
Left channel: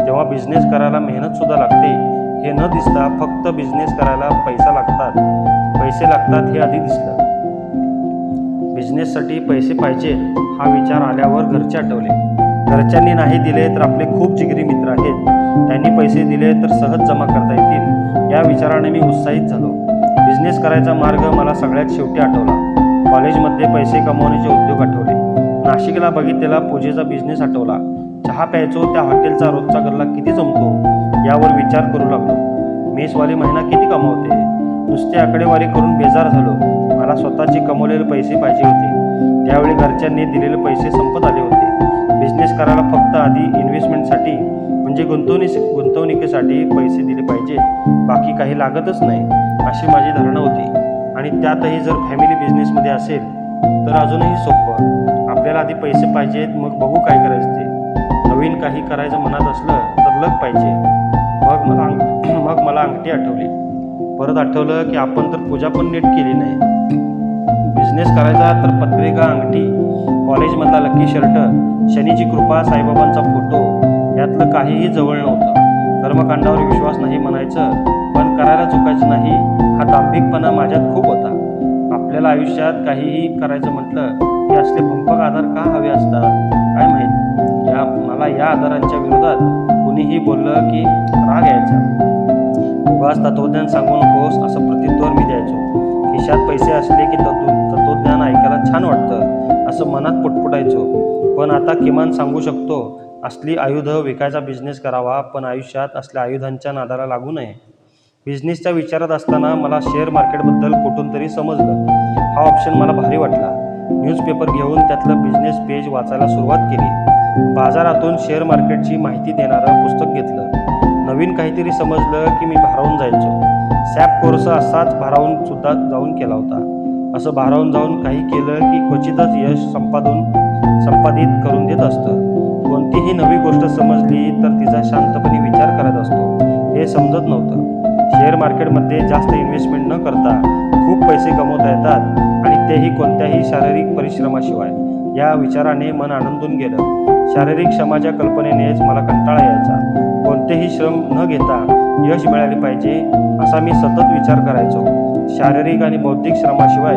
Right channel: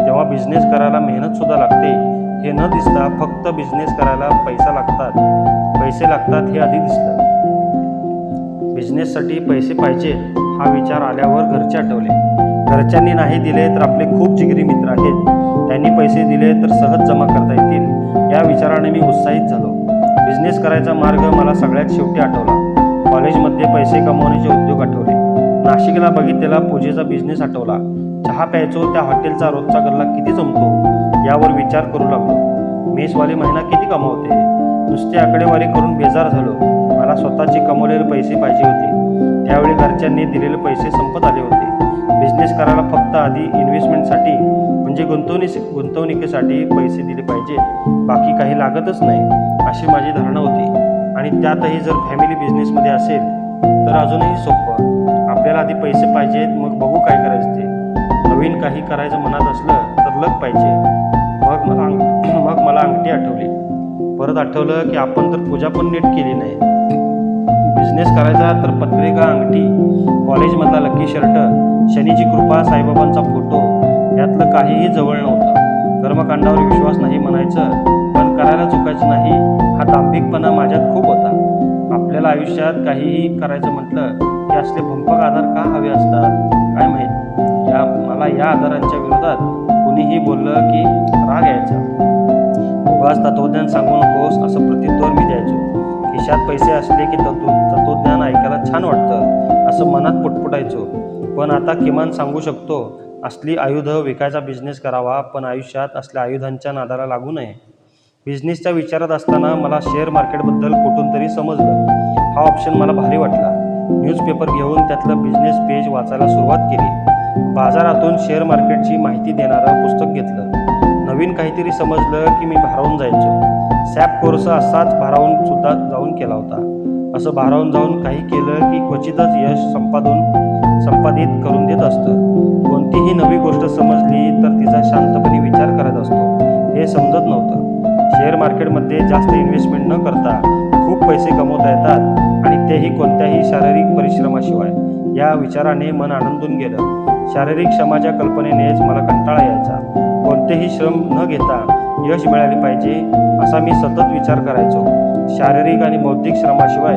तेव्हा बिझनेस करायला मेहनतसुद्धा लागते हे न दिसता फक्त बिझनेस करायला पैसे लागतात हे आधी दिसलं. बिझनेससाठी पैसे पाहिजे हा विचार आल्यावर घरचे आठवले. घरच्यांनी नाही दिले तर आपले खूप जिगरी मित्र आहेत, त्यांनी पैसे दिले तर सहज जमा करता येतील या विचाराने मी उत्साहित झालो. बिझनेस करायचा मार्ग मला सगळ्यात शेवटी आठवला. कॉलेजमध्ये पैसे कमवण्याचे उद्योग आठवले. नाशिकला बघितलेला पूजेचा बिझनेस आठवला. चहा प्यायचो त्या हॉटेलचा रोजचा गल्ला किती जमतो यावर विचार करू लागलो. मेसवाली महिना किती कमावते, नुसती आकडेवारी करून बेजार झालो. मला स्वतःचे कमवलेले पैसे पाहिजे होते. त्यावेळी घरच्यांनी दिलेले पैसे संपत आले होते. बिझनेस करायला फक्त आधी इन्व्हेस्टमेंटसाठी म्हणजे गुंतवणुकीसाठी पैसे दिले पाहिजे, बाकी काही लागतच नाही अशी माझी धारणा होती. आणि त्यातही जर फॅमिली बिझनेसमध्ये असेल तर अजूनही सोपं. आपल्याला आधी पैसे पाहिजेत, मग बघू काय करायचं ते. नवीन काही करायचं मनात असलं तर लग पाहिजे. मग मला अंगठी आठवली. परत आठवलं की आपण तर पूजा पण नीट केली नाही. बिझनेस करायचा तर पत्रिका, अंगठी, कॉलेजमधला लकी शर्ट, शनीची कृपा, साईबाबांचा फोटो यातलं काहीही जवळ नव्हतं. कर्मकांडावर विश्वास नाही म्हणायचं, पण करायला चुकायचं नाही हा दांभिकपणा माझ्यात खूप होता. आपल्याला आयुष्यात काहीही करायचं म्हटलं की असले भंपक आधार का हवे असतात काय माहीत. मला या आधारांच्या विरोधात कुणीही बोललं की राग यायचा. उगाच तत्वज्ञान सांगू नकोस असं प्रत्युत्तर मी द्यायचो. खिशात पैसे असले की तत्वज्ञान ऐकायला छान वाटतं असं मनात पुटपुटायचो. पण आता किमान सांगू शकतो, असली आयुधं विकायचा बिझनेस करावा, पण आयुष्यात असल्या आयुधांच्या नादाला लागू नये. बिझनेसच्या विचारात असताना मला शेअर मार्केटबद्दल कुठून तरी समजलं. हा ऑप्शन मला भारी वाटला. न्यूजपेपर घेऊन त्यातलं बिझनेस पेज वाचायला सुरुवात केली. बाजारातून शेअर मार्केटची माहिती देणारं पुस्तक घेतलं. नवीन काहीतरी समजलं की मी भारावून जायचो. सॅप कोर्स असाच भारावून सुद्धा जाऊन केला होता. असं भारावून जाऊन काही केलं की क्वचितच यश संपादित करून देत असतं. कोणतीही नवी गोष्ट समजली तर तिचा शांतपणे विचार करत असतो हे समजत नव्हतं. शेअर मार्केटमध्ये जास्त इन्व्हेस्टमेंट न करता खूप पैसे कमवता येतात आणि तेही कोणत्याही शारीरिक परिश्रमाशिवाय या विचाराने मन आनंदून गेलं. शारीरिक श्रमाच्या कल्पनेनेच मला कंटाळा यायचा. कोणतेही श्रम न घेता यश मिळाले पाहिजे असा मी सतत विचार करायचो. शारीरिक आणि बौद्धिक श्रमाशिवाय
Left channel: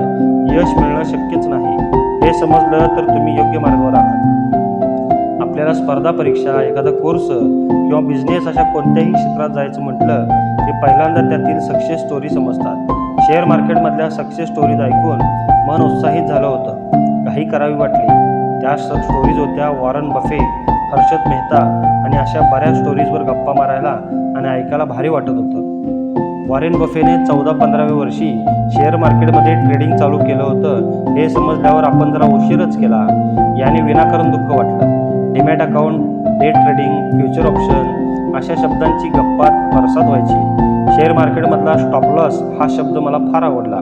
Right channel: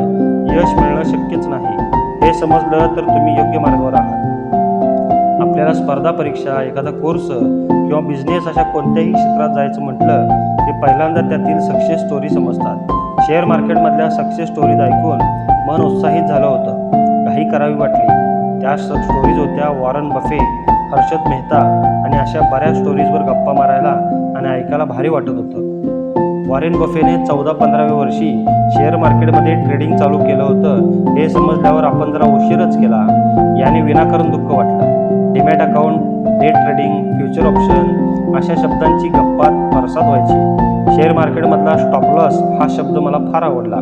यश मिळणं शक्यच नाही हे समजलं तर तुम्ही योग्य मार्गावर आहात. आपल्याला स्पर्धा परीक्षा, एखादा कोर्स किंवा बिझनेस अशा कोणत्याही क्षेत्रात जायचं म्हटलं की पहिल्यांदा त्यातील सक्सेस स्टोरी समजतात. शेअर मार्केटमधल्या सक्सेस स्टोरीज ऐकून मन उत्साहित झालं होतं. काही करावी वाटली. त्या स्टोरीज होत्या वॉरन बफे, हर्षद मेहता आणि अशा बऱ्याच स्टोरीजवर गप्पा मारायला आणि ऐकायला भारी वाटत होतं. वॉरेन बफेने 14-15व्या वर्षी शेअर मार्केटमध्ये ट्रेडिंग चालू केलं होतं हे समजल्यावर आपण जरा उशीरच केला याने विनाकारण दुःख वाटलं. Demat account, day trading, future option अशा शब्दांची गप्पात परसाद व्हायची. शेअर मार्केटमधला स्टॉप लॉस हा शब्द मला फार आवडला.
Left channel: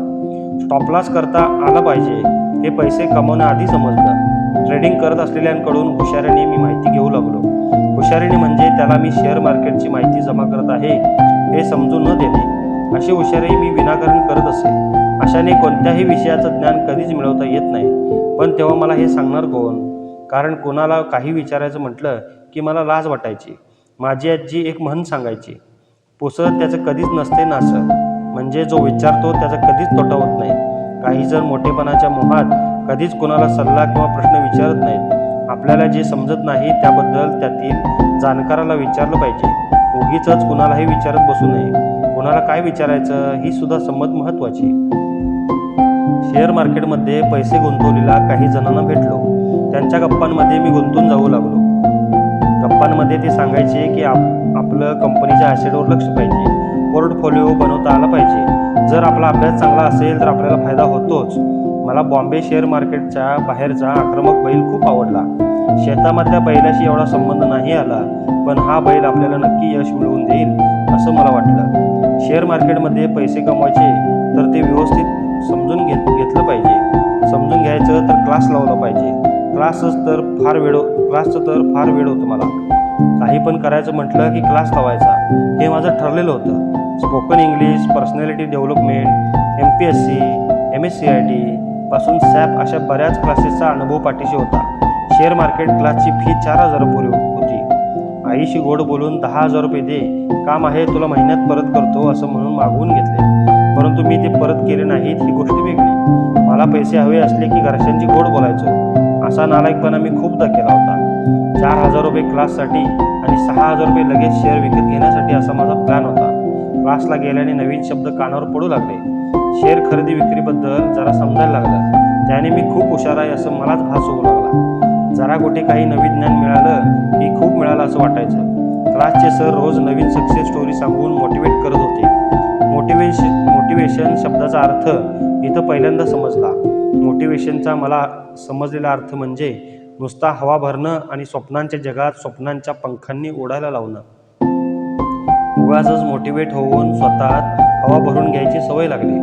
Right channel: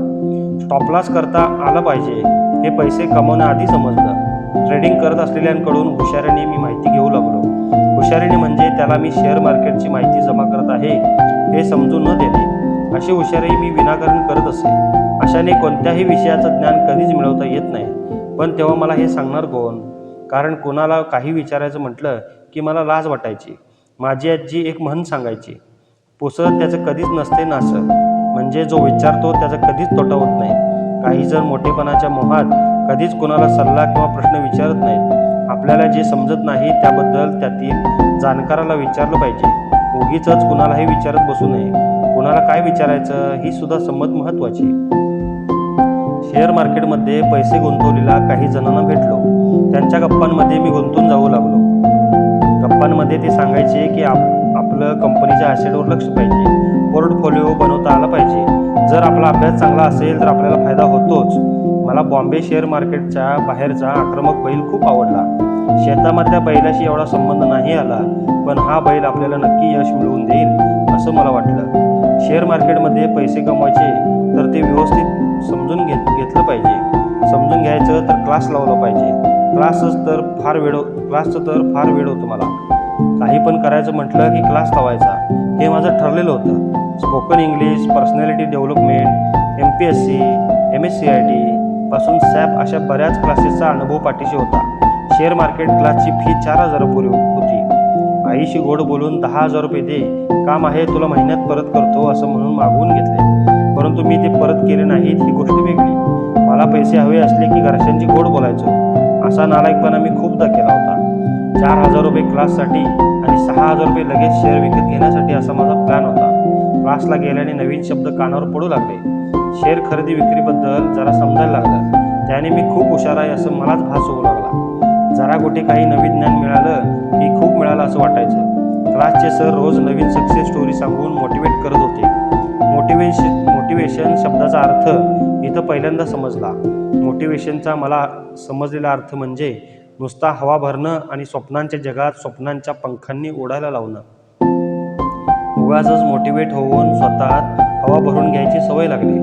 स्टॉप लॉस करता आला पाहिजे हे पैसे कमवण्याआधी समजलं. ट्रेडिंग करत असलेल्यांकडून हुशारीने मी माहिती घेऊ लागलो. हुशारीने म्हणजे त्याला मी शेअर मार्केटची माहिती जमा करत आहे हे समजून न देणे. अशी हुशारी मी विनाकारण करत असे. अशाने कोणत्याही विषयाचं ज्ञान कधीच मिळवता येत नाही. पण तेव्हा मला हे सांगणार कोण? कारण कोणाला काही विचारायचं म्हटलं की मला लाज वाटायची. माझी आजी एक म्हण सांगायची, पुसत त्याचं कधीच नसते नासं. म्हणजे जो विचारतो त्याचा कधीच तोटा होत नाही. काही जण मोठेपणाच्या मोहात कधीच कोणाला सल्ला किंवा प्रश्न विचारत नाहीत. आपल्याला जे समजत नाही त्याबद्दल त्यातील जाणकाराला विचारलं पाहिजे. उगीचच कुणालाही विचारत बसू नये. कुणाला काय विचारायचं ही सुद्धा समज महत्त्वाची. शेअर मार्केटमध्ये पैसे गुंतवलेल्या काही जणांना भेटलो. त्यांच्या गप्पांमध्ये मी गुंतून जाऊ लागलो. गप्पांमध्ये ते सांगायचे की आपलं कंपनीच्या ॲसेटवर लक्ष पाहिजे, पोर्टफोलिओ बनवता आला पाहिजे. जर आपला अभ्यास चांगला असेल तर आपल्याला फायदा होतोच. मला बॉम्बे शेअर मार्केटच्या बाहेरचा आक्रमक बैल खूप आवडला. शेतामधल्या बैलाशी एवढा संबंध नाही आला, पण हा बैल आपल्याला नक्की यश मिळवून देईल असं मला वाटलं. शेअर मार्केटमध्ये पैसे कमवायचे तर ते व्यवस्थित समजून घेतलं पाहिजे. समजून घ्यायचं तर क्लास लावला पाहिजे. क्लासचं तर फार वेळ होतं मला. काही पण करायचं म्हटलं की क्लास लावायचा हे माझं ठरलेलं होतं. Spoken English, personality development, MPSC, MSCIT पासून सॅप अशा बऱ्याच क्लासेसचा अनुभव पाठीशी होता. शेअर मार्केट क्लासची फी 4,000 होती. आईशी गोड बोलून 10,000 रुपये दे, काम आहे, तुला महिन्यात परत करतो असं म्हणून मागवून घेतले. परंतु मी ते परत केले नाहीत ही गोष्ट वेगळी. मला पैसे हवे असले की घरच्यांची गोड बोलायचो. असा नालायकपणा मी खूपदा केला होता. 4,000 रुपये क्लाससाठी आणि 6,000 रुपये लगेच शेअर विकत घेण्यासाठी असा माझा प्लॅन होता. क्लासला गेल्याने नवीन शब्द कानावर पडू लागले. शेअर खरेदी विक्रीबद्दल जरा समजायला लागलं. त्याने मी खूप हुशार आहे असं मलाच भास होऊ लागला. जरा कुठे काही नवीन ज्ञान मिळालं की खूप मिळालं असं वाटायचं. क्लासचे सर रोज नवीन सक्सेस स्टोरी सांगून मोटिवेट करत होते. मोटिवेशन शब्दाचा अर्थ इथं पहिल्यांदा समजला. मोटिवेशनचा मला समजलेला अर्थ म्हणजे नुसता हवा भरणं आणि स्वप्नांच्या जगात स्वप्नांच्या पंखांनी उडायला लावणं. उगाचच मोटिवेट होऊन स्वतःत हवा भरून घ्यायची सवय लागली.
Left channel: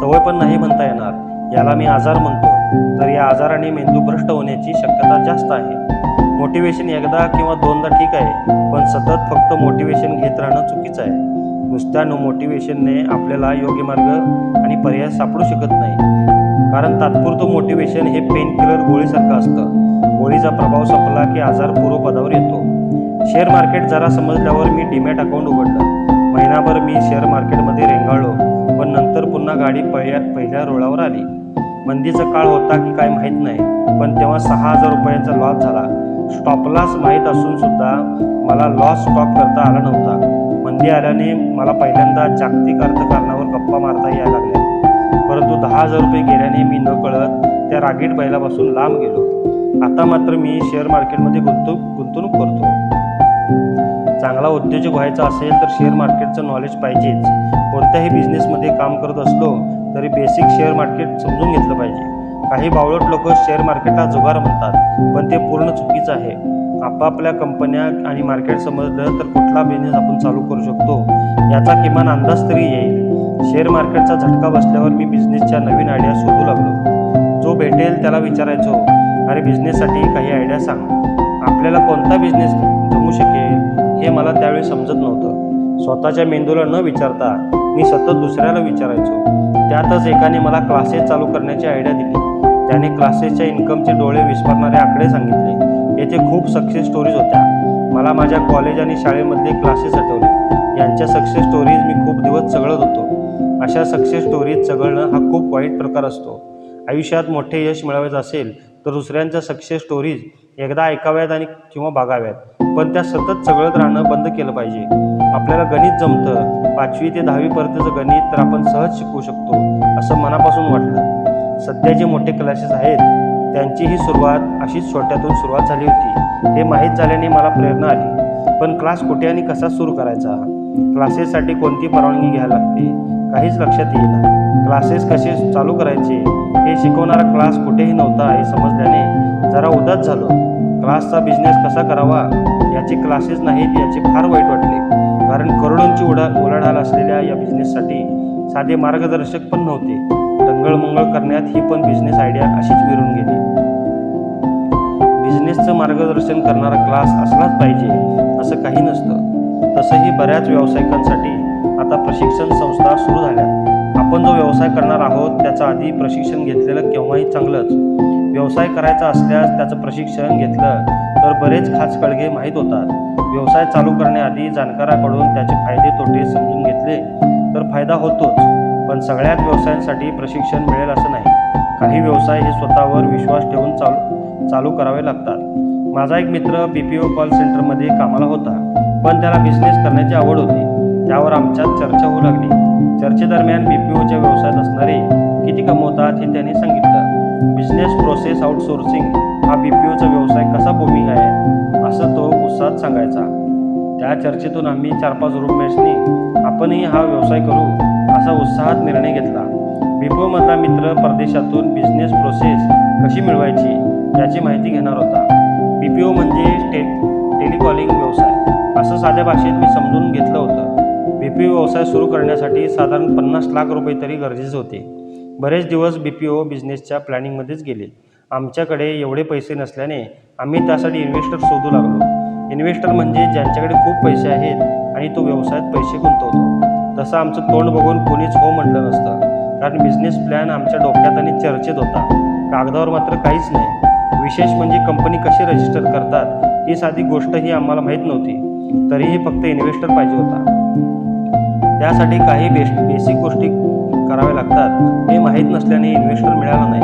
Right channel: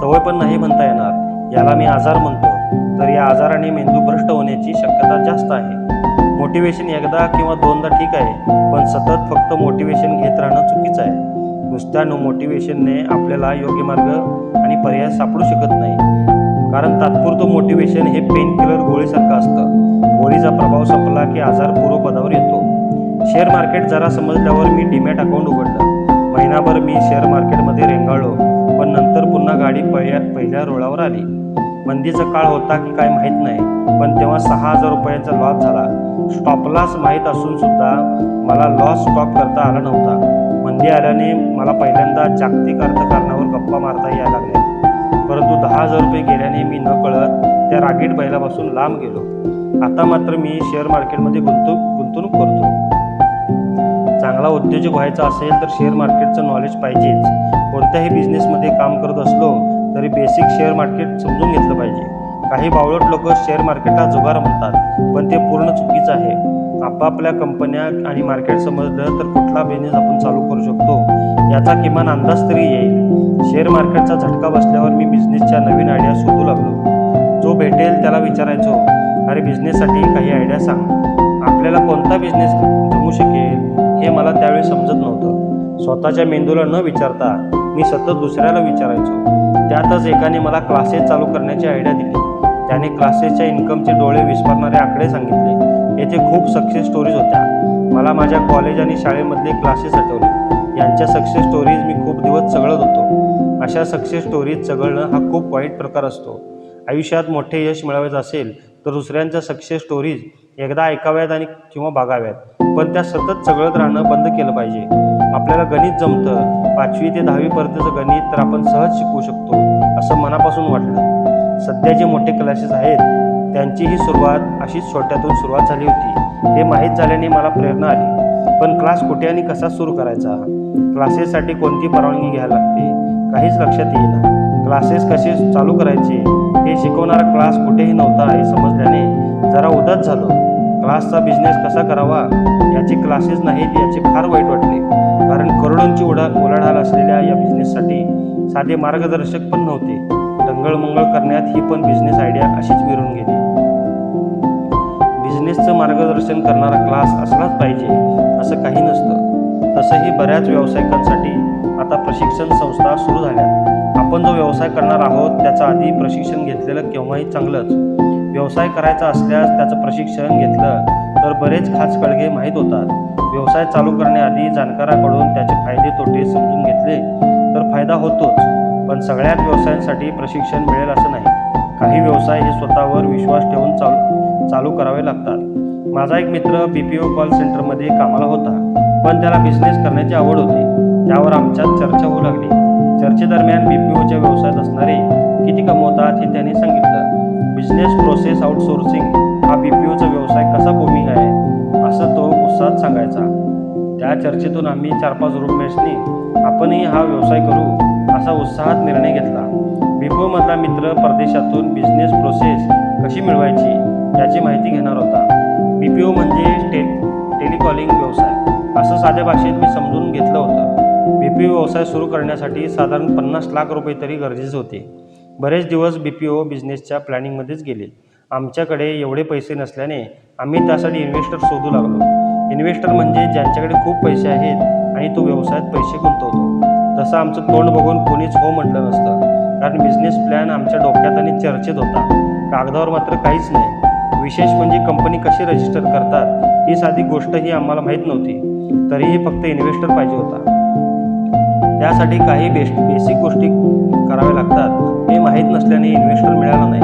सवय पण नाही म्हणता येणार, याला मी आजार म्हणतो. तर या आजाराने मेंदू भ्रष्ट होण्याची शक्यता जास्त आहे. मोटिवेशन एकदा किंवा दोनदा ठीक आहे, पण सतत फक्त मोटिवेशन घेत राहणं चुकीचं आहे. नुसत्या मोटिवेशनने आपल्याला योग्य मार्ग आणि पर्याय सापडू शकत नाही. कारण तात्पुरतं मोटिवेशन हे पेन किलर गोळीसारखं असतं. गोळीचा प्रभाव संपला की आजार पूर्वपदावर येतो. शेअर मार्केट जरा समजल्यावर मी डीमॅट अकाउंट उघडलं. महिनाभर मी शेअर मार्केटमध्ये रेंगाळलो, पण नंतर पुन्हा गाडी पहिल्या रुळावर आली. मंदीचा काळ होता की काय माहीत नाही, पण तेव्हा 6,000 रुपयांचा लॉस झाला. स्टॉप लॉस माहीत असून सुद्धा मला लॉस स्टॉप करता आला नव्हता. मंदी आल्याने मला पहिल्यांदा जागतिक अर्थकारणावर गप्पा मारता यायला लागल्या. परंतु 10,000 रुपये गेल्याने मी न कळत त्या रागीट बैलापासून लांब गेलो. आता मात्र मी शेअर मार्केटमध्ये गुंतवणूक करतो. चांगला उद्योजक व्हायचा असेल तर शेअर मार्केटचं नॉलेज पाहिजेच. कोणत्याही बिझनेसमध्ये काम करत असलो तरी बेसिक शेअर मार्केट समजून घेतलं पाहिजे. काही बावळट लोक शेअर मार्केटला जुगार म्हणतात, पण ते पूर्ण चुकीचं आहे. आपापल्या कंपन्या आणि मार्केट समजलं तर कुठला बिझनेस आपण चालू करू शकतो याचा किमान अंदाज तरी येईल. शेअर मार्केटचा झटका बसल्यावर मी बिझनेसच्या नवीन आयडिया शोधू लागलो. जो भेटेल त्याला विचारायचो, अरे बिझनेससाठी काही आयडिया सांग. आपल्याला कोणता बिझनेस जमू शकेल हे मला त्यावेळी समजत नव्हतं. स्वतःच्या मेंदूला न विचारता मी सतत दुसऱ्याला विचारायचो. त्यातच एकाने मला क्लासेस चालू करण्याची आयडिया दिली. त्याने क्लासेसच्या इन्कमचे डोळे विस्फारणारे आकडे सांगितले. येथे खूप सक्सेस स्टोरीज होत्या. मला माझ्या कॉलेज आणि शाळेमधले क्लासेस आठवले. यांच्या सक्सेस स्टोरीज मी खूप दिवस चघळत होतो. अशा सक्सेस स्टोरीज चघळणं हा खूप वाईट प्रकार असतो. आयुष्यात मोठे यश मिळवायचं असेल तर दुसऱ्यांच्या सक्सेस स्टोरीज एकदा ऐकाव्यात आणि किंवा बघाव्यात, पण त्या सतत चघळत राहणं बंद केलं पाहिजे. आपल्याला गणित जमतं, 5वी ते 10वी पर्यंतचं गणित तर आपण सहज शिकू शकतो असं मनापासून वाटलं. सध्या जे मोठे क्लासेस आहेत त्यांचीही सुरुवात अशीच छोट्यातून सुरुवात झाली होती. हे माहीत झाल्याने मला प्रेरणा आली. पण क्लास कुठे आणि कसा सुरू करायचा, क्लासेससाठी कोणती परवानगी घ्यायला लागते, काहीच लक्षात येईना. क्लासेस कसे चालू करायचे हे शिकवणारा क्लास कुठेही नव्हता हे समजल्याने जरा उदास झालो. क्लासचा बिझनेस कसा करावा याचे क्लासेस नाहीत याचे फार वाईट वाटले. कारण करोडोंची उलाढाल असलेल्या या बिझनेससाठी साधे मार्गदर्शक पण नव्हते. टंगळमंगळ करण्यात ही पण बिझनेस आयडिया अशीच विरून गेली. बिझनेसचं मार्गदर्शन करणारा क्लास असलाच पाहिजे असं काही नसतं. तसंही बऱ्याच व्यावसायिकांसाठी आता प्रशिक्षण संस्था सुरू झाल्यात. आपण जो व्यवसाय करणार आहोत त्याचं आधी प्रशिक्षण घेतलेलं केव्हाही चांगलंच. व्यवसाय करायचा असल्यास त्याचं प्रशिक्षण घेतलं तर बरेच खास कळगे माहीत होतात. व्यवसाय चालू करण्याआधी जाणकाराकडून त्याचे फायदे तोटे समजून घेतले तर फायदा होतोच. पण सगळ्याच व्यवसायांसाठी प्रशिक्षण मिळेल असं नाही. काही व्यवसाय हे स्वतःवर विश्वास ठेवून चालू करावे लागतात. माझा एक मित्र BPO कॉल सेंटरमध्ये कामाला होता, पण त्याला बिझनेस करण्याची आवड होती. त्यावर आमच्यात चर्चा होऊ लागली. चर्चेदरम्यान BPOच्या व्यवसायात असणारे किती कमवतात हे त्याने सांगितलं. बिझनेस प्रोसेस आउटसोर्सिंग हा BPOचा व्यवसाय कसा बूमिंग आहे असं तो उत्साहात सांगायचा. त्या चर्चेतून आम्ही 4-5 रूममेट्सनी आपणही हा व्यवसाय करू असा उत्साहात निर्णय घेतला. BPO मधला मित्र परदेशातून बिझनेस प्रोसेस कशी मिळवायची याची माहिती घेणार होता. BPO म्हणजे टेलिकॉलिंग व्यवसाय असं साध्या भाषेत मी समजून घेतलं होतं. BPO व्यवसाय सुरू करण्यासाठी साधारण 50 लाख रुपये तरी गरजेचे होते. बरेच दिवस BPO बिझनेसच्या प्लॅनिंगमध्येच गेले. आमच्याकडे एवढे पैसे नसल्याने आम्ही त्यासाठी इन्व्हेस्टर शोधू लागलो. इन्व्हेस्टर म्हणजे ज्यांच्याकडे खूप पैसे आहेत आणि तो व्यवसायात पैसे गुंतवतो. तसं आमचं तोंड बघून कोणीच हो म्हटलं नसतं, कारण बिझनेस प्लॅन आमच्या डोक्यात आणि चर्चेत होता, कागदावर मात्र काहीच नाही. विशेष म्हणजे कंपनी कशी रजिस्टर करतात ही साधी गोष्टही आम्हाला माहीत नव्हती. तरीही फक्त इन्व्हेस्टर पाहिजे होता. त्यासाठी काही बेसिक गोष्टी कराव्या लागतात हे माहीत नसल्याने इन्व्हेस्टर मिळाला नाही.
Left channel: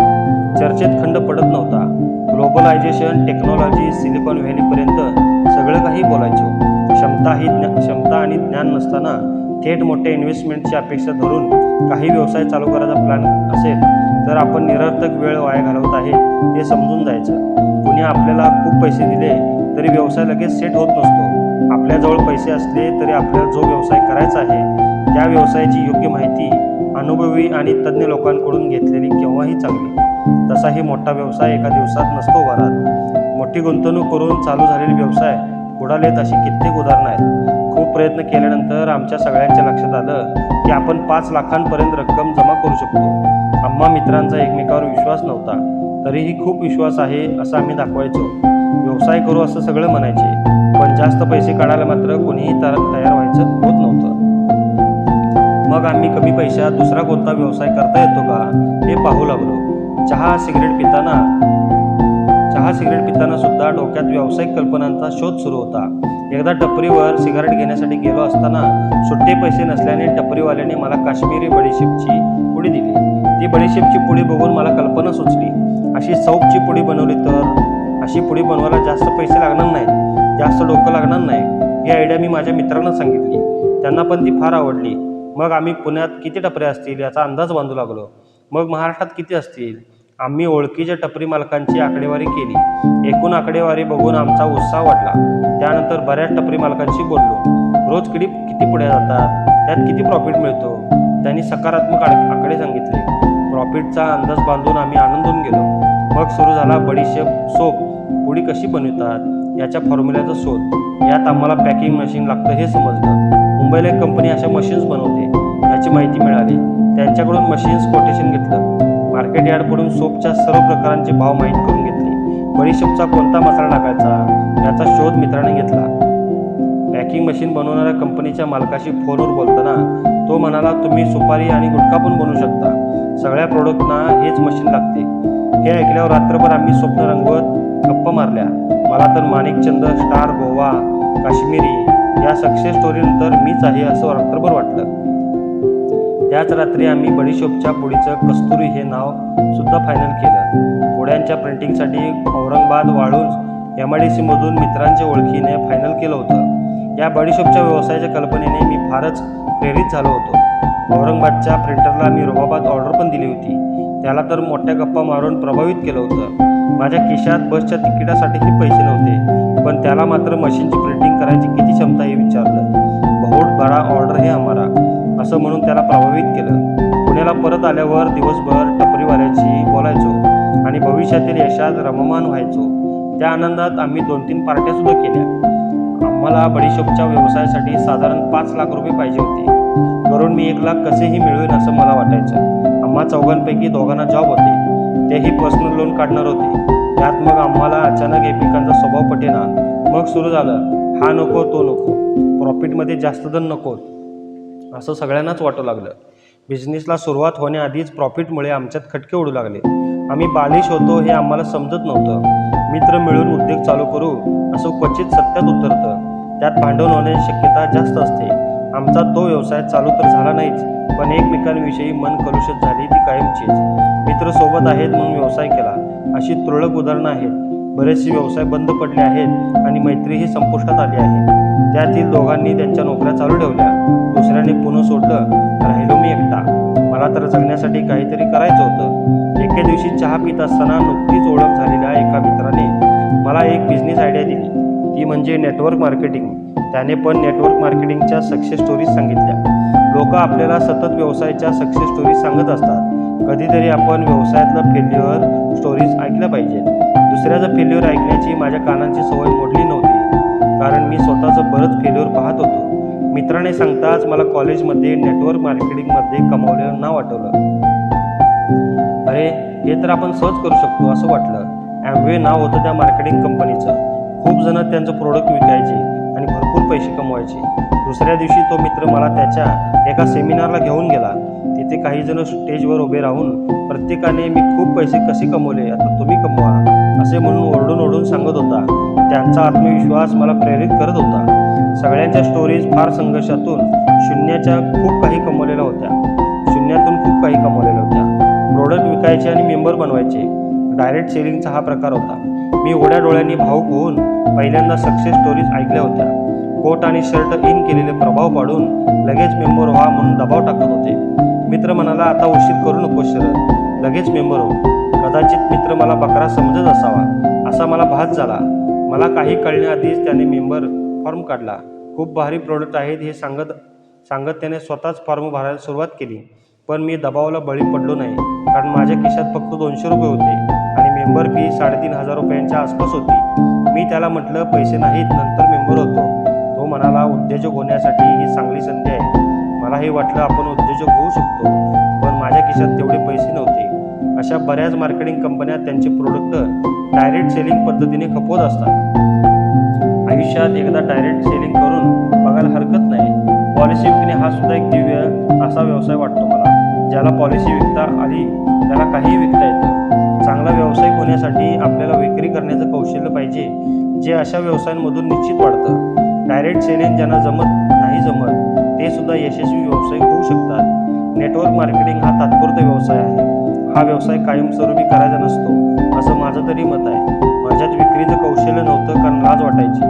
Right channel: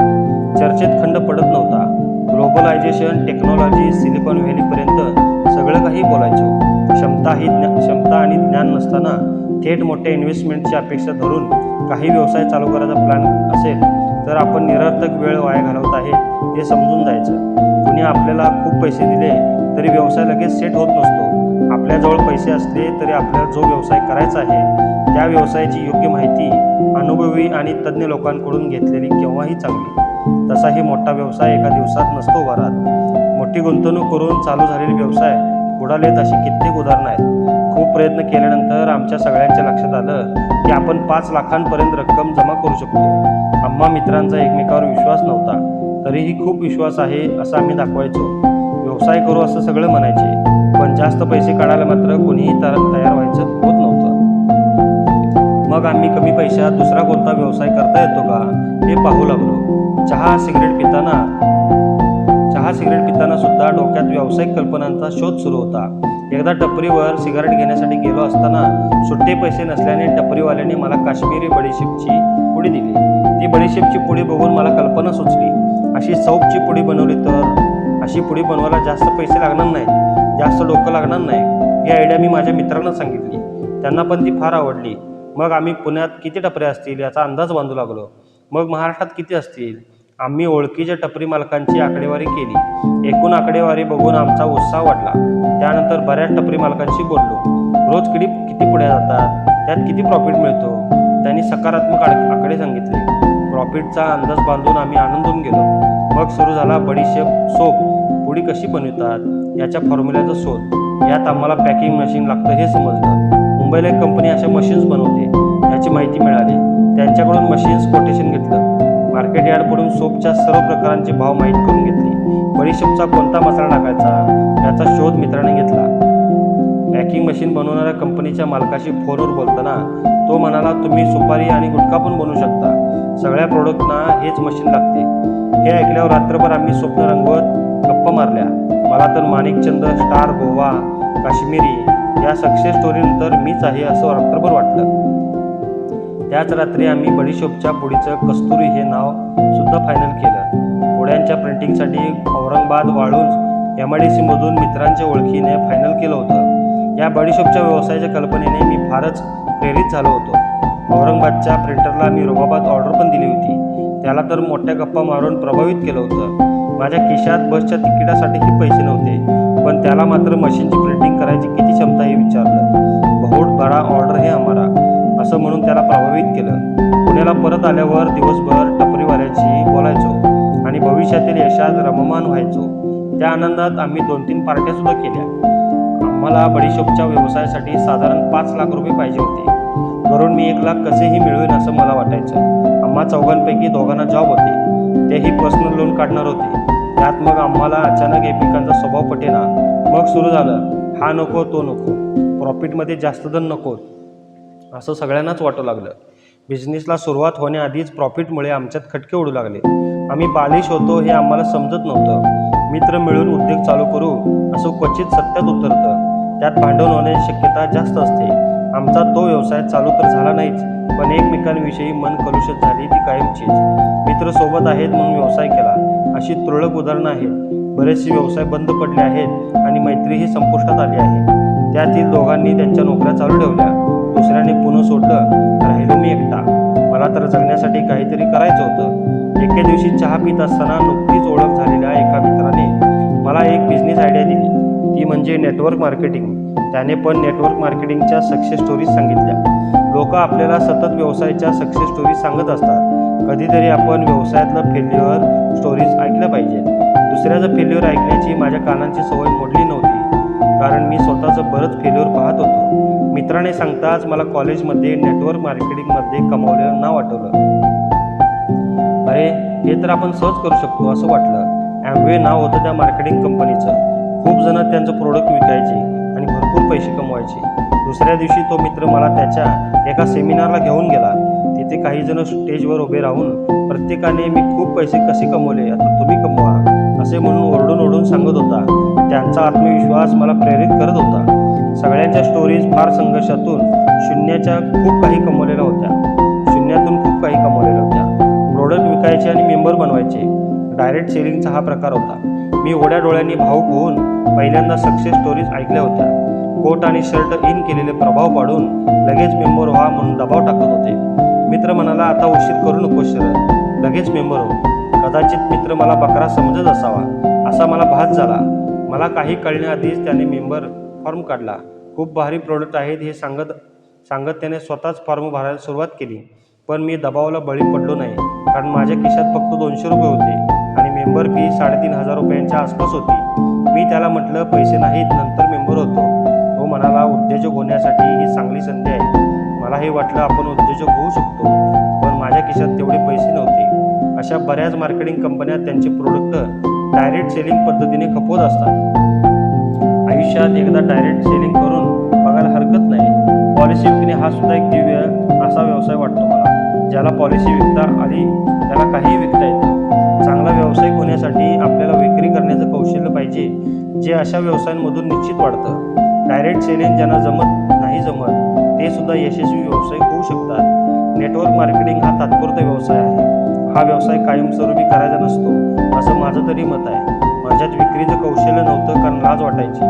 चर्चेत खंड पडत नव्हता. ग्लोबलायझेशन, टेक्नॉलॉजी, सिलिकॉन व्हॅलीपर्यंत सगळं काही बोलायचो. क्षमता आणि ज्ञान नसताना थेट मोठ्या इन्व्हेस्टमेंटची अपेक्षा धरून काही व्यवसाय चालू करायचा प्लॅन असेल तर आपण निरर्थक वेळ वाया घालवत आहे हे समजून जायचं. कुणी आपल्याला खूप पैसे दिले तरी व्यवसाय लगेच सेट होत नसतो. आपल्याजवळ पैसे असले तरी आपल्याला जो व्यवसाय करायचा आहे त्या व्यवसायाची योग्य माहिती अनुभवी आणि तज्ज्ञ लोकांकडून घेतलेली केव्हाही चांगली. तसाही मोठा व्यवसाय एका दिवसात नसतो उभा राहत. मोठी गुंतवणूक करून चालू झालेले व्यवसाय बुडालेत अशी कित्येक उदाहरणं आहेत. खूप प्रयत्न केल्यानंतर आमच्या सगळ्यांच्या लक्षात आलं की आपण 5 लाखांपर्यंत रक्कम जमा करू शकतो. आम्हा मित्रांचा एकमेकावर विश्वास नव्हता, तरीही खूप विश्वास आहे असं आम्ही दाखवायचो. व्यवसाय करू असं सगळं म्हणायचे, पण जास्त पैसे काढायला मात्र कोणीही तयार व्हायचं होत नव्हतं. मग आम्ही कमी पैशात दुसरा कोणता व्यवसाय करता येतो का हे पाहू लागलो. चहा सिगरेट पिताना सुद्धा डोक्यात व्यावसायिक कल्पनांचा शोध सुरू होता. एकदा टपरीवर सिगारेट घेण्यासाठी गेलो असताना सुट्टे पैसे नसल्याने टपरीवाल्याने मला काश्मीरी बडीशेपची पुडी दिली. ती बडीशेपची पुडी बघून मला कल्पना सुचली, अशी सौपची पुडी बनवली तर अशी पुडी बनवायला जास्त पैसे लागणार नाहीत, जास्त डोकं लागणार नाही. ही आयडिया मी माझ्या मित्रांना सांगितली. त्यांना पण ती फार आवडली. मग आम्ही पुण्यात किती टपऱ्या असतील याचा अंदाज बांधू लागलो. मग महाराष्ट्रात किती असतील. आम्ही ओळखीच्या टपरी मालकांची आकडेवारी केली. एकूण आकडेवारी बघून आमचा उत्साह वाढला. त्यानंतर बऱ्याच टपरी मालकांशी बोललो. रोज किती पुढे जातात, त्यात किती प्रॉफिट मिळतो. त्यांनी सकारात्मक आकडे सांगितले. प्रॉफिटचा अंदाज बांधून आम्ही आनंदून गेलो. मग सुरू झाला बडीशेप सोप. पुडी कशी बनवतात याच्या फॉर्म्युल्याचा शोध. यात आम्हाला पॅकिंग मशीन लागतं हे समजलं. मुंबईला एक कंपनी अशा मशीन्स बनवते याची माहिती मिळाली. त्यांच्याकडून मशीन्स कोटेशन घेतलं. मार्केट यार्डकडून सोपच्या सर्व प्रकारांचे भाव माहीत करून घेतले. बडीशेपचा कोणता मसाला टाकायचा याचा शोध मित्राने घेतला. पॅकिंग मशीन बनवणाऱ्या कंपनीच्या मालकाशी फोनवर बोलताना तो म्हणाला, तुम्ही सुपारी आणि गुटखा पण बनवू शकता. सगळ्या प्रोडक्टना हेच मशीन लागते. हे ऐकल्यावर रात्रभर आम्ही स्वप्न रंगवत गप्पा मारल्या. मला तर माणिकचंद, स्टार, गोवा, काश्मीरी या सक्सेस स्टोरीनंतर मीच आहे असं रात्रभर वाटलं. त्याच रात्री आम्ही बडीशेपच्या पुडीचं कस्तुरी हे नाव सुद्धा फायनल केलं. पुड्यांच्या प्रिंटिंगसाठी औरंगाबाद, वाळूंज MIDC मधून मित्रांच्या ओळखीने फायनल केलं होतं. या बडीशेपच्या व्यवसायाच्या कल्पनेने मी फारच प्रेरित झालो होतो. औरंगाबादच्या प्रिंटरला मी रुबाबात ऑर्डर पण दिली होती. त्याला तर मोठ्या गप्पा मारून प्रभावित केलं होतं. माझ्या खिशात बसच्या तिकिटासाठीही पैसे नव्हते, पण त्याला मात्र मशीनची प्रिंटिंग करायची किती क्षमता हे विचारलं. बहुत बडा ऑर्डर है हमारा असं म्हणून त्याला प्रभावित केलं. पुण्याला परत आल्यावर दिवसभर टपरीवाल्याशी बोलायचो आणि भविष्यातील यशात रममान व्हायचो. त्या आनंदात आम्ही 2-3 पार्ट्यासुद्धा केल्या. आम्हाला बडीशेपच्या व्यवसायासाठी साधारण 5 लाख रुपये पाहिजे होते. करून मी 1 लाख कसेही मिळवेन असं मला वाटायचं. आम्हा चौघांपैकी दोघांना जॉब होते, तेही पर्सनल लोन काढणार होते. त्यात मग आम्हाला अचानक एकमेकांचा स्वभाव पटेना. मग सुरू झालं, हा नको तो नको, प्रॉफिटमध्ये जास्त धन नको असं सगळ्यांनाच वाटू लागलं. बिझनेसला सुरुवात होण्याआधीच प्रॉफिटमुळे आमच्यात खटके उडू लागले. आम्ही बालिश होतो हे आम्हाला समजत नव्हतं. मित्र मिळून उद्योग चालू करू असं क्वचित सत्यात उतरतं. त्यात भांडण होण्याची शक्यता जास्त असते. आमचा तो व्यवसाय चालू तर झाला नाहीच, पण एकमेकांविषयी मन कलुषित झाली ती कायमचीच. मित्र सोबत आहेत म्हणून व्यवसाय केला अशी तुरळक उदाहरणं आहेत. बरेचसे व्यवसाय बंद पडले आहेत आणि मैत्रीही संपुष्टात आली आहे. त्यातील दोघांनी त्यांच्या नोकऱ्या चालू ठेवल्या. दुसऱ्याने पुणे सोडलं. राहिलो मी एकटा. मला तर जगण्यासाठी काहीतरी करायचं होतं. एके दिवशी चहा पित असताना नुकतीच ओळख झालेल्या एका मित्राने मला एक बिझनेस आयडिया दिली. ती म्हणजे नेटवर्क मार्केटिंग. त्याने पण नेटवर्क मार्केटिंगच्या सक्सेस स्टोरीज सांगितल्या. लोक आपल्याला सतत व्यवसायाच्या सक्सेस स्टोरीज सांगत असतात. कधीतरी आपण व्यवसायातलं फेल्युअर स्टोरीज ऐकल्या पाहिजेत. दुसऱ्याचं फेल्युअर ऐकण्याची माझ्या कानांची सवय मोडली नव्हती, कारण मी स्वतःचं बरंच फेल्युअर पाहत होतो. मित्राने सांगताच मला कॉलेजमध्ये नेटवर्क मार्केटिंगमध्ये कमावलेलं नाव आठवलं. अरे, हे तर आपण सहज करू शकतो असं वाटलं. ॲम्वे नाव होतं त्या मार्केटिंग कंपनीचं. खूप जण त्यांचं प्रोडक्ट विकायचे आणि भरपूर पैसे कमवायचे. दुसऱ्या दिवशी तो मित्र मला त्याच्या एका सेमिनारला घेऊन गेला. तिथे काही जण स्टेजवर उभे राहून प्रत्येकाने मी खूप पैसे कसे कमवले, आता तुम्ही कमवा असे म्हणून ओरडून सांगत होता. त्यांचा आत्मविश्वास मला प्रेरित करत होता. सगळ्यांच्या स्टोरीज फार संघर्षातून शून्यातून खूप काही कमवलेल्या होत्या. प्रोडक्ट विकायचे आणि मेंबर बनवायचे. डायरेक्ट सेलिंगचा हा प्रकार होता. मी उघड्या डोळ्यांनी भावूक होऊन पहिल्यांदा सक्सेस स्टोरीज ऐकल्या होत्या. कोट आणि शर्ट इन केलेले प्रभाव पाडून लगेच मेंबर व्हा म्हणून दबाव टाकत होते. मित्र म्हणाला, आता उशीर करू नकोस शरद, लगेच मेंबर हो. कदाचित मित्र मला बकरा समजत असावा असा मला भास झाला. मला काही कळण्याआधीच त्याने मेंबर फॉर्म काढला. खूप भारी प्रोडक्ट आहेत हे सांगत त्याने स्वतःच फॉर्म भरायला सुरुवात केली. पण मी दबावाला बळी पडलो नाही, कारण माझ्या खिशात फक्त 200 रुपये होते आणि मेंबर फी 3,500 रुपयांच्या आसपास होती. मी त्याला म्हटलं, पैसे नाहीत, नंतर मेंबर होतो. तो म्हणाला, उद्योजक होण्यासाठी ही चांगली संधी आहे. मलाही वाटलं आपण उद्योजक होऊ शकतो, पण माझ्या खिशात तेवढे पैसे नव्हते. अशा बऱ्याच मार्केटिंग कंपन्या त्यांचे प्रोडक्ट डायरेक्ट सेलिंग पद्धतीने खपवत असतात. आयुष्यात एकदा डायरेक्ट सेलिंग करून बघायला हरकत नाही. पॉलिसी विकणे हा सुद्धा एक दिव्य असा व्यवसाय वाटतो मला. ज्याला पॉलिसी विकता आली त्याला काहीही विकता येतं. चांगला व्यावसायिक होण्यासाठी आपल्याला विक्री करण्याचं कौशल्य पाहिजे, जे अशा व्यवसायांमधून निश्चित वाढतं. डायरेक्ट सेलिंग ज्यांना नाही जमत ते सुद्धा यशस्वी व्यावसायिक होऊ शकतात. नेटवर्क मार्केटिंग हा तात्पुरता व्यवसाय आहे. हा व्यवसाय कायमस्वरूपी करायचा नसतो असं माझं तरी मत आहे. माझ्यात विक्रीचं कौशल्य नव्हतं, कारण लाज वाटायची.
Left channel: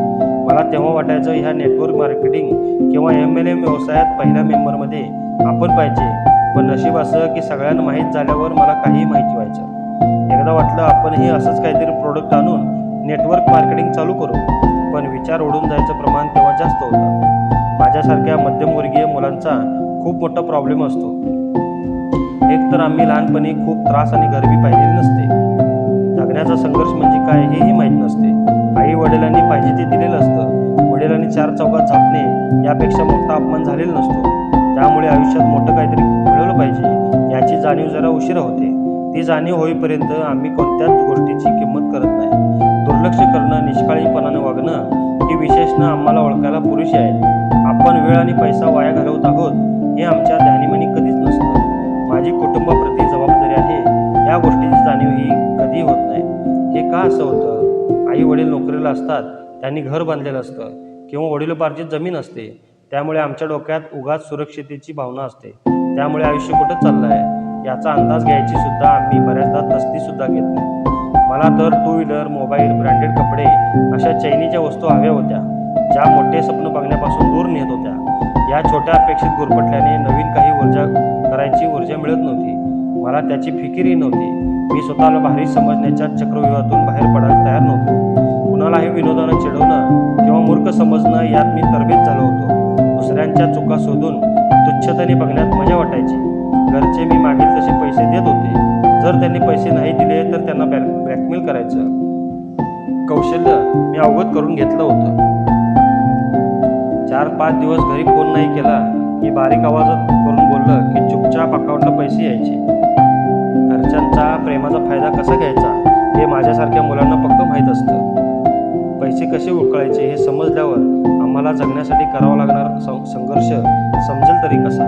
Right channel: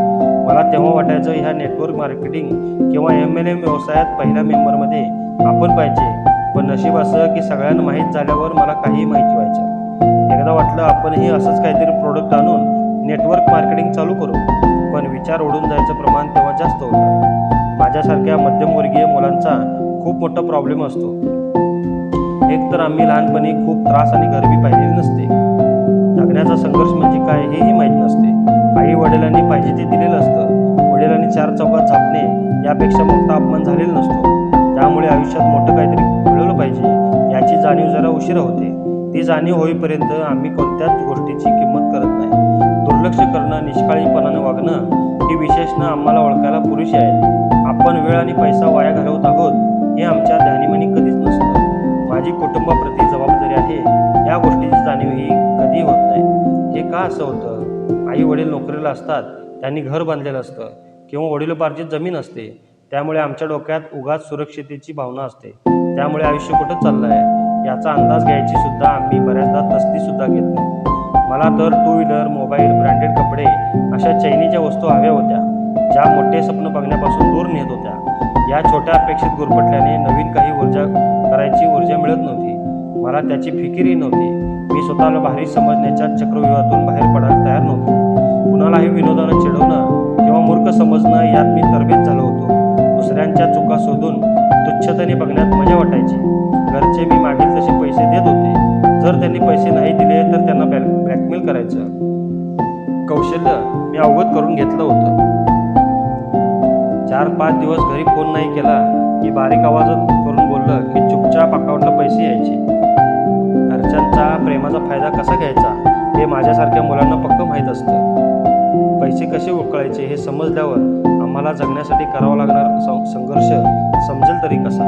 मला तेव्हा वाटायचं ह्या नेटवर्क मार्केटिंग किंवा MLM व्यवसायात पहिल्या मेंबरमध्ये आपण पाहिजे. पण नशीब असं की सगळ्यांना माहीत झाल्यावर मला काहीही माहिती व्हायचं. एकदा वाटलं आपणही असंच काहीतरी प्रोडक्ट आणून नेटवर्क मार्केटिंग चालू करू, पण विचार ओढून जायचं प्रमाण तेव्हा जास्त होतं. माझ्यासारख्या मध्यमवर्गीय मुलांचा खूप मोठा प्रॉब्लेम असतो. एक तर आम्ही लहानपणी खूप त्रास आणि गरिबी पाहिलेली नसते. जगण्याचा संघर्ष म्हणजे काय हेही माहीत नसते. आई वडिलांनी पाहिजे ते दिलेलं असतं. वडिलांनी 4 चौकात झापणे यापेक्षा मोठा अपमान झालेला नसतो. त्यामुळे आयुष्यात मोठं काहीतरी मिळवलं पाहिजे याची जाणीव जरा उशिरा होते. ती जाणीव होईपर्यंत आम्ही कोणत्याच गोष्टीची किंमत करत नाही. दुर्लक्ष करणं, निष्काळजीपणाने वागणं ही विशेषणं आम्हाला ओळखायला पुरेशी आहेत. आपण वेळ आणि पैसा वाया घालवत आहोत हे आमच्या ध्यानीमनी कधीच नसतं. माझी कुटुंबाप्रती जबाबदारी आहे या गोष्टीची जाणीव ही कधी होत नाही. हे का असं होतं? आई वडील नोकरीला असतात, त्यांनी घर बांधलेलं असतं किंवा वडिलोपार्जित जमीन असते. त्यामुळे आमच्या डोक्यात उगाच सुरक्षिततेची भावना असते. त्यामुळे आयुष्य कुठं चाललं आहे याचा अंदाज घ्यायची सुद्धा आम्ही बऱ्याचदा तसदीसुद्धा घेत नाही. मला तर 2 व्हीलर, मोबाईल, ब्रँडेड कपडे अशा चैनीच्या वस्तू हव्या होत्या, ज्या मोठे स्वप्न बघण्यापासून दूर नेत होत्या. या छोट्या अपेक्षित गुरफटल्याने नवीन काही करायची ऊर्जा मिळत नव्हती. मला त्याची फिकीरही नव्हती. मी स्वतःला भारी समजण्याच्या चक्रव्यूहातून बाहेर पडायला तयार नव्हतो. कुणालाही विनोदानं चिडवणं किंवा मूर्ख समजणं यात मी तरबेज झालो होतो. दुसऱ्यांच्या चुका शोधून तुच्छतेने बघण्यात मजा वाटायची. घरचे मी मागील तसे पैसे देत होते. जर त्यांनी पैसे नाही दिले तर त्यांना ब्लॅकमेल करायचं कौशल्य मी अवगत करून घेतलं होतं. 4-5 दिवस घरी फोन नाही केला की बारीक आवाजात करून बोललं की चुपचाप अकाउंटला पैसे यायचे. घरच्यांचा प्रेमाचा फायदा कसा घ्यायचा हे माझ्यासारख्या मुलांना पक्क माहीत असतं. पैसे कसे उकळायचे हे समजल्यावर आम्हाला जगण्यासाठी करावा लागणारा संघर्ष समजेल तरी कसा.